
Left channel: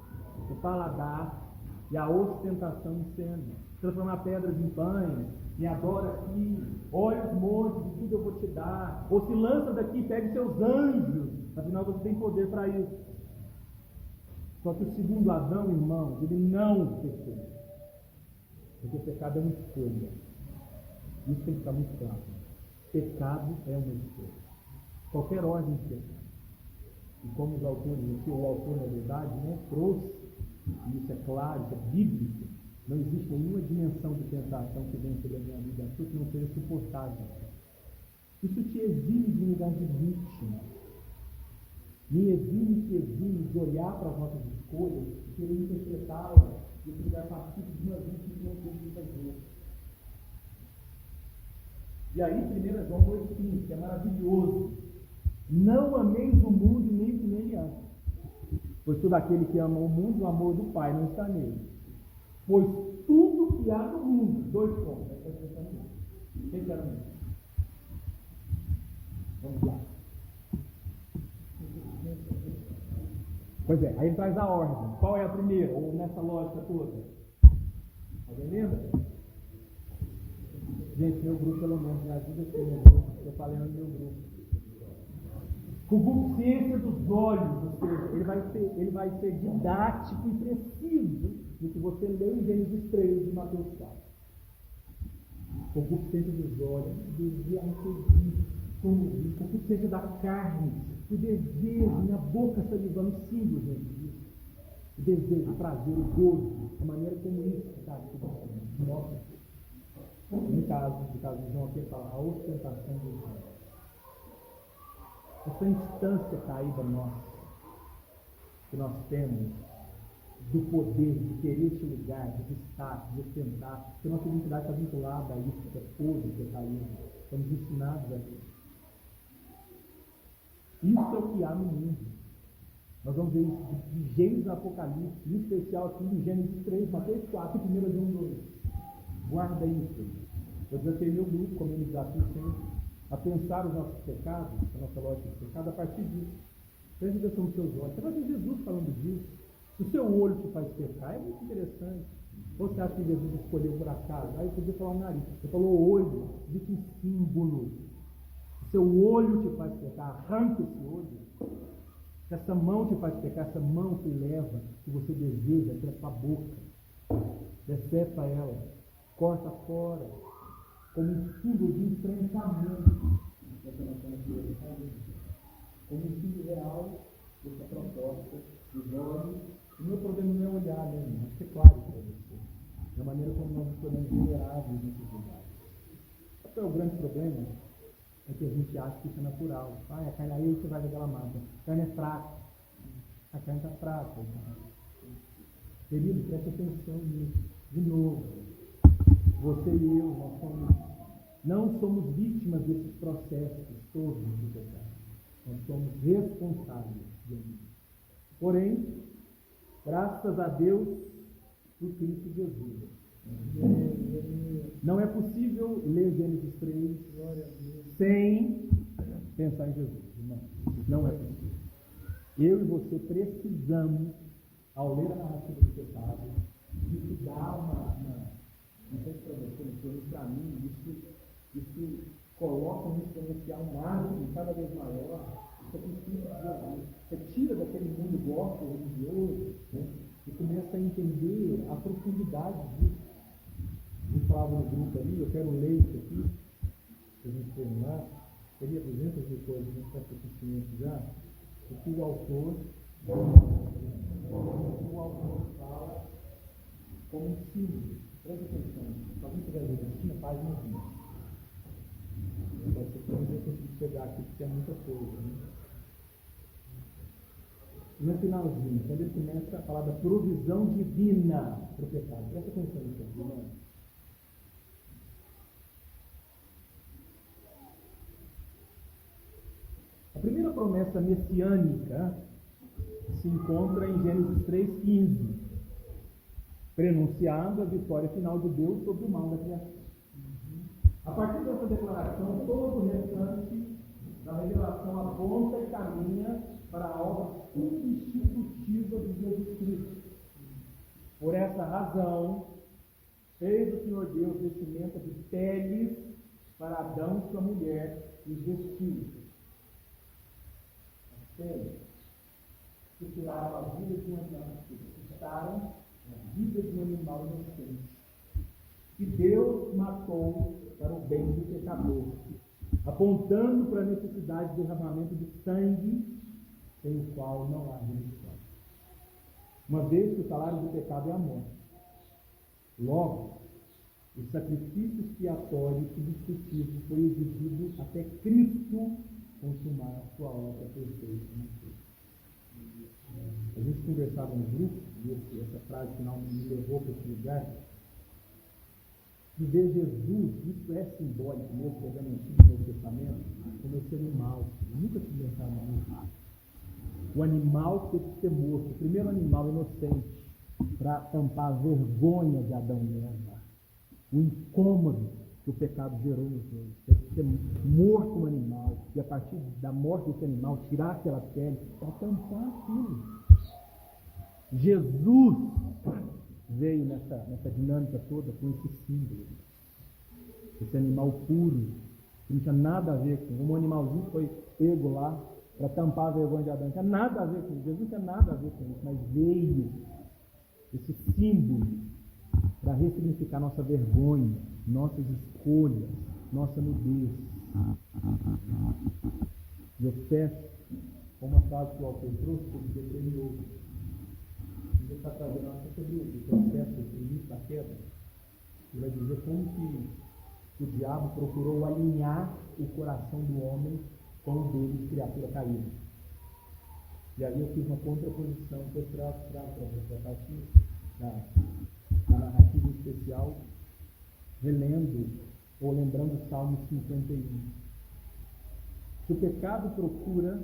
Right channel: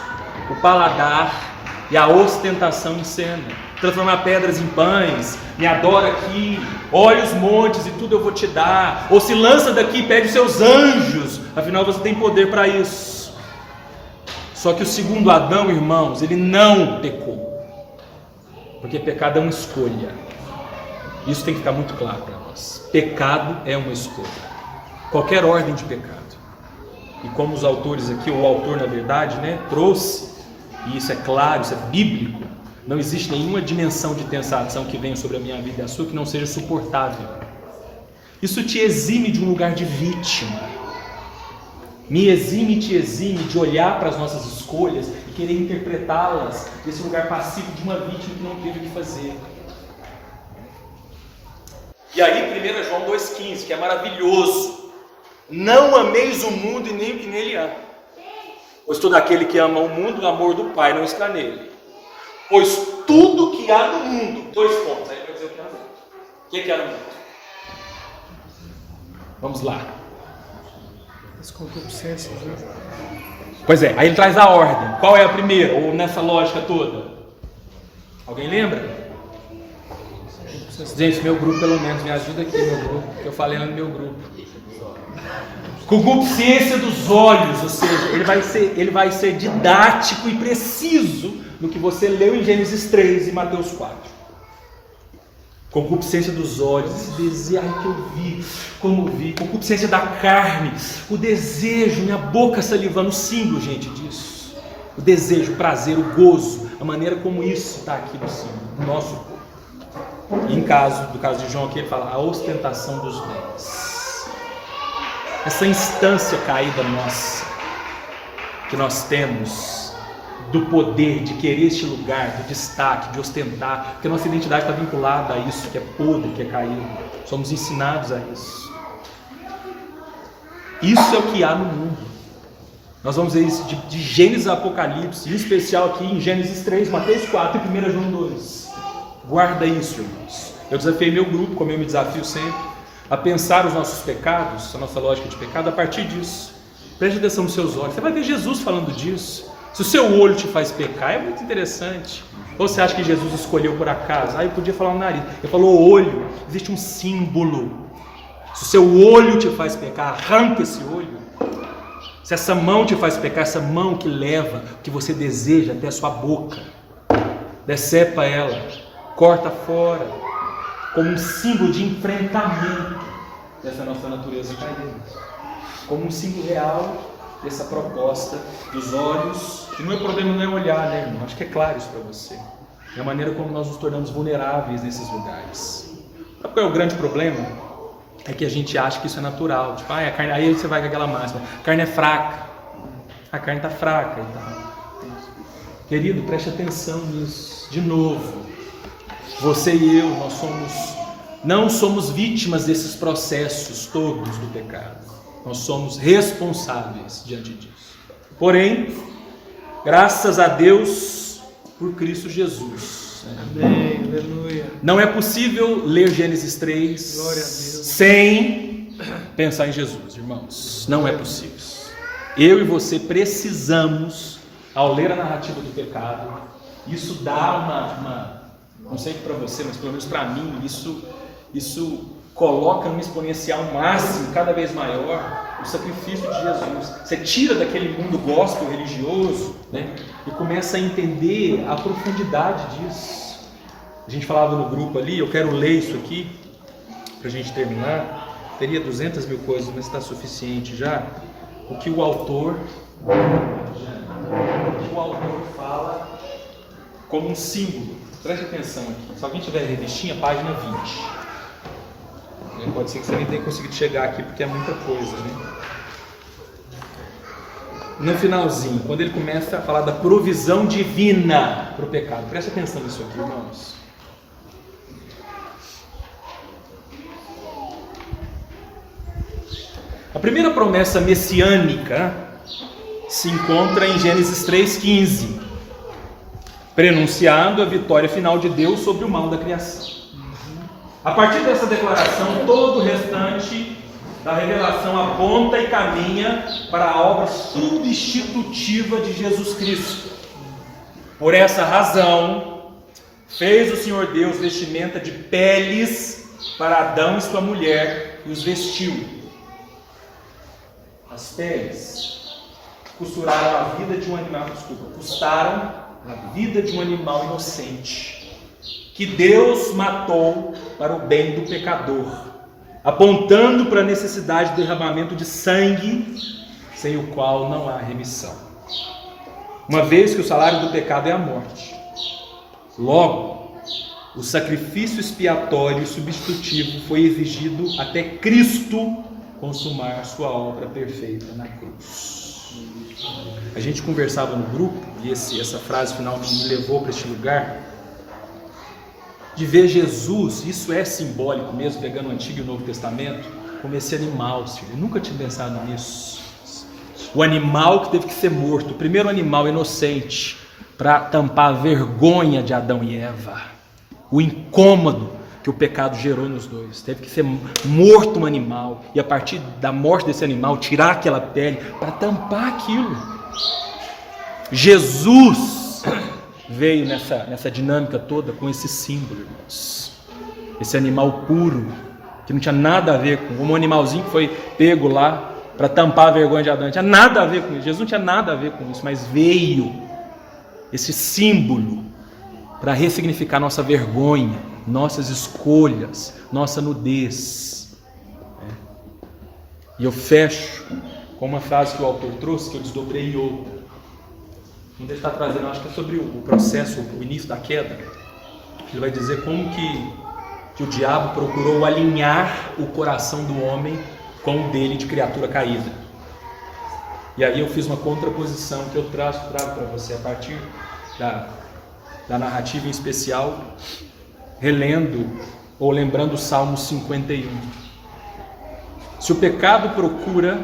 o paladar e a ostentação em cena. Transformar pedras em pães, me adora aqui, olha os montes e tudo eu vou te dar, ou se lança daqui e pede os seus anjos, afinal você tem poder para isso. Só que o segundo Adão, irmãos, ele não pecou, porque pecado é uma escolha. Isso tem que ficar muito claro para nós. Pecado é uma escolha, qualquer ordem de pecado. E como os autores aqui, ou o autor na verdade, trouxe, e isso é claro, isso é bíblico, não existe nenhuma dimensão de tentação que venha sobre a minha vida e a sua que não seja suportável. Isso te exime de um lugar de vítima. Me exime e te exime de olhar para as nossas escolhas e querer interpretá-las desse lugar passivo de uma vítima que não teve o que fazer. E aí 1 João 2,15, que é maravilhoso. Não ameis o mundo e nem o que nele há. Pois todo aquele que ama o mundo, o amor do Pai não está nele. Pois tudo que há no mundo, 2 pontos, aí vai dizer o que há no mundo. O que há no mundo? Vamos lá. As concupiscências, né? Pois é, aí ele traz a ordem. Qual é a primeira, ou nessa lógica toda? Alguém lembra? Gente, meu grupo pelo menos, me ajuda aqui, meu grupo, que eu falei lá no meu grupo. Concupiscência dos olhos, ou seja, ele vai ser didático e preciso no que você leu em Gênesis 3 e Mateus 4. Concupiscência dos olhos, esse desejo que eu vi, como vi, concupiscência da carne, o desejo, minha boca salivando, o símbolo, gente, disso. O desejo, o prazer, o gozo, a maneira como isso está aqui no símbolo, no nosso corpo. E do caso de João aqui, ele fala a ostentação dos bens. Essa instância caída nossa, que nós temos, do poder de querer este lugar, do destaque, de ostentar, porque a nossa identidade está vinculada a isso, que é podre, que é caído. Somos ensinados a isso. Isso é o que há no mundo. Nós vamos ver isso de Gênesis a Apocalipse, em especial aqui em Gênesis 3, Mateus 4 e 1 João 2. Guarda isso, irmãos. Eu desafiei meu grupo, como eu me desafio sempre, a pensar os nossos pecados, a nossa lógica de pecado, a partir disso. Preste atenção nos seus olhos. Você vai ver Jesus falando disso. Se o seu olho te faz pecar, é muito interessante. Ou você acha que Jesus escolheu por acaso? Eu podia falar o nariz. Ele falou olho. Existe um símbolo. Se o seu olho te faz pecar, arranca esse olho. Se essa mão te faz pecar, essa mão que leva o que você deseja até a sua boca, decepa ela, corta fora, como um símbolo de enfrentamento dessa nossa natureza caída. Como um símbolo real dessa proposta dos olhos, que não é problema não é olhar, né, irmão? Acho que é claro isso para você. É a maneira como nós nos tornamos vulneráveis nesses lugares. Sabe qual é o grande problema? É que a gente acha que isso é natural. Tipo, a carne, aí você vai com aquela máxima, a carne é fraca. A carne está fraca. Então. Querido, preste atenção nisso. De novo, você e eu, não somos vítimas desses processos todos do pecado. Nós somos responsáveis diante disso. Porém, graças a Deus por Cristo Jesus. Amém, aleluia. Não é possível ler Gênesis 3 Glória a Deus. sem pensar em Jesus, irmãos. Não é possível. Eu e você precisamos, ao ler a narrativa do pecado, isso dá não sei para você, mas pelo menos para mim, isso coloca num exponencial máximo, cada vez maior, o sacrifício de Jesus. Você tira daquele mundo gospel religioso, né, e começa a entender a profundidade disso. A gente falava no grupo ali, eu quero ler isso aqui, para a gente terminar. Teria 200 mil coisas, mas está suficiente já. O que o autor fala como um símbolo. Preste atenção aqui. Se alguém tiver a revistinha, página 20. Pode ser que você nem tenha conseguido chegar aqui, porque é muita coisa, né? No finalzinho, quando ele começa a falar da provisão divina para o pecado. Preste atenção nisso aqui, irmãos. A primeira promessa messiânica se encontra em Gênesis 3,15, prenunciando a vitória final de Deus sobre o mal da criação. A partir dessa declaração, todo o restante da revelação aponta e caminha para a obra substitutiva de Jesus Cristo. Por essa razão, fez o Senhor Deus vestimenta de peles para Adão e sua mulher e os vestiu. As peles custaram a vida de um animal inocente, que Deus matou para o bem do pecador, apontando para a necessidade de derramamento de sangue, sem o qual não há remissão. Uma vez que o salário do pecado é a morte, logo, o sacrifício expiatório e substitutivo foi exigido até Cristo consumar sua obra perfeita na cruz. A gente conversava no grupo, e essa frase final me levou para este lugar, de ver Jesus, isso é simbólico mesmo, pegando o Antigo e o Novo Testamento, como esse animal, filho. Eu nunca tinha pensado nisso. O animal que teve que ser morto, o primeiro animal inocente, para tampar a vergonha de Adão e Eva, o incômodo que o pecado gerou nos dois. Teve que ser morto um animal, e a partir da morte desse animal, tirar aquela pele para tampar aquilo. Jesus veio nessa dinâmica toda com esse símbolo, irmãos. Esse animal puro, que não tinha nada a ver com um animalzinho que foi pego lá para tampar a vergonha de Adão. Não tinha nada a ver com isso. Jesus não tinha nada a ver com isso, mas veio esse símbolo para ressignificar nossa vergonha, nossas escolhas, nossa nudez. E eu fecho com uma frase que o autor trouxe, que eu desdobrei em outra. Onde ele está trazendo, acho que é sobre o processo, o início da queda. Ele vai dizer como que o diabo procurou alinhar o coração do homem com o dele de criatura caída. E aí eu fiz uma contraposição que eu trago para você a partir da narrativa em especial, relendo ou lembrando o Salmo 51. Se o pecado procura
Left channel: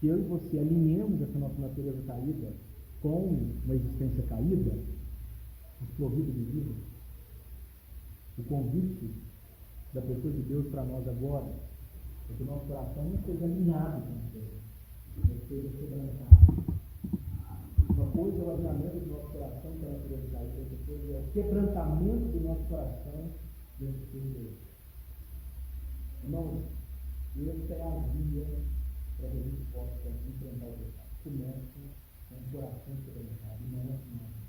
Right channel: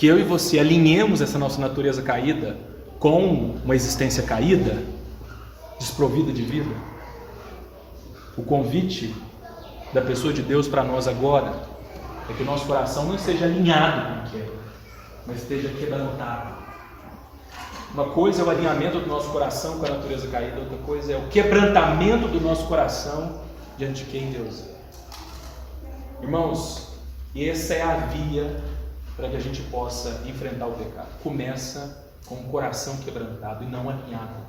que eu e você alinhemos essa nossa natureza caída com uma existência caída, desprovida de vida. O convite da pessoa de Deus para nós agora é que o nosso coração não esteja alinhado com a queda, mas esteja quebrantado. Uma coisa é o alinhamento do nosso coração com a natureza caída, outra coisa é o quebrantamento do nosso coração diante de quem Deus é. Irmãos, essa é a via para que a gente possa enfrentar o pecado. Começa com o coração quebrantado e não alinhado.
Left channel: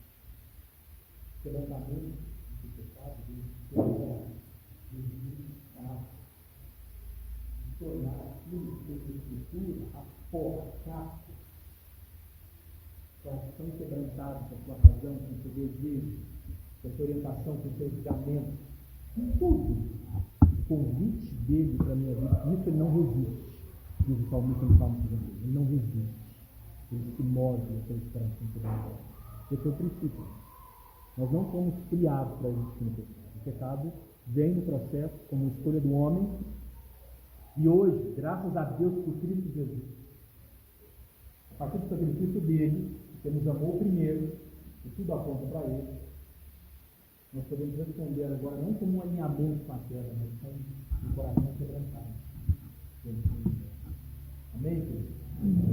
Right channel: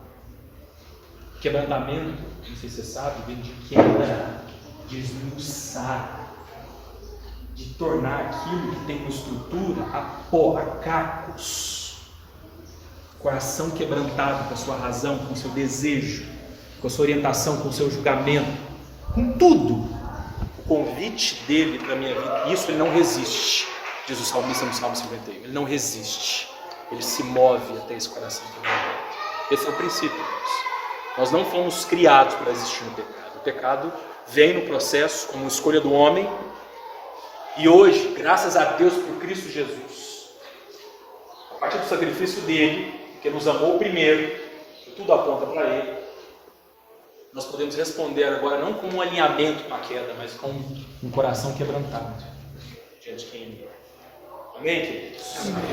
Quebrantamento, não sei se você sabe, vem de quebrar, de esmiuçar, de tornar aquilo que tem uma estrutura a pó, a cacos. Coração quebrantado com a sua razão, com o seu desejo, com a sua orientação, com o seu julgamento, com tudo. O convite dele para a minha vida, isso ele não resiste, diz o salmista no Salmo 51. Ele não resiste, ele se move até esse coração quebrantado. Esse é o princípio, irmãos. Nós não fomos criados para existir no pecado. O pecado vem no processo como escolha do homem. E hoje, graças a Deus por Cristo Jesus, a partir do sacrifício dele, que nos amou primeiro, e tudo aponta para ele, nós podemos responder agora não com um alinhamento com a queda, mas com um coração quebrantado diante de quem ele é. Amém, queridos? Amém.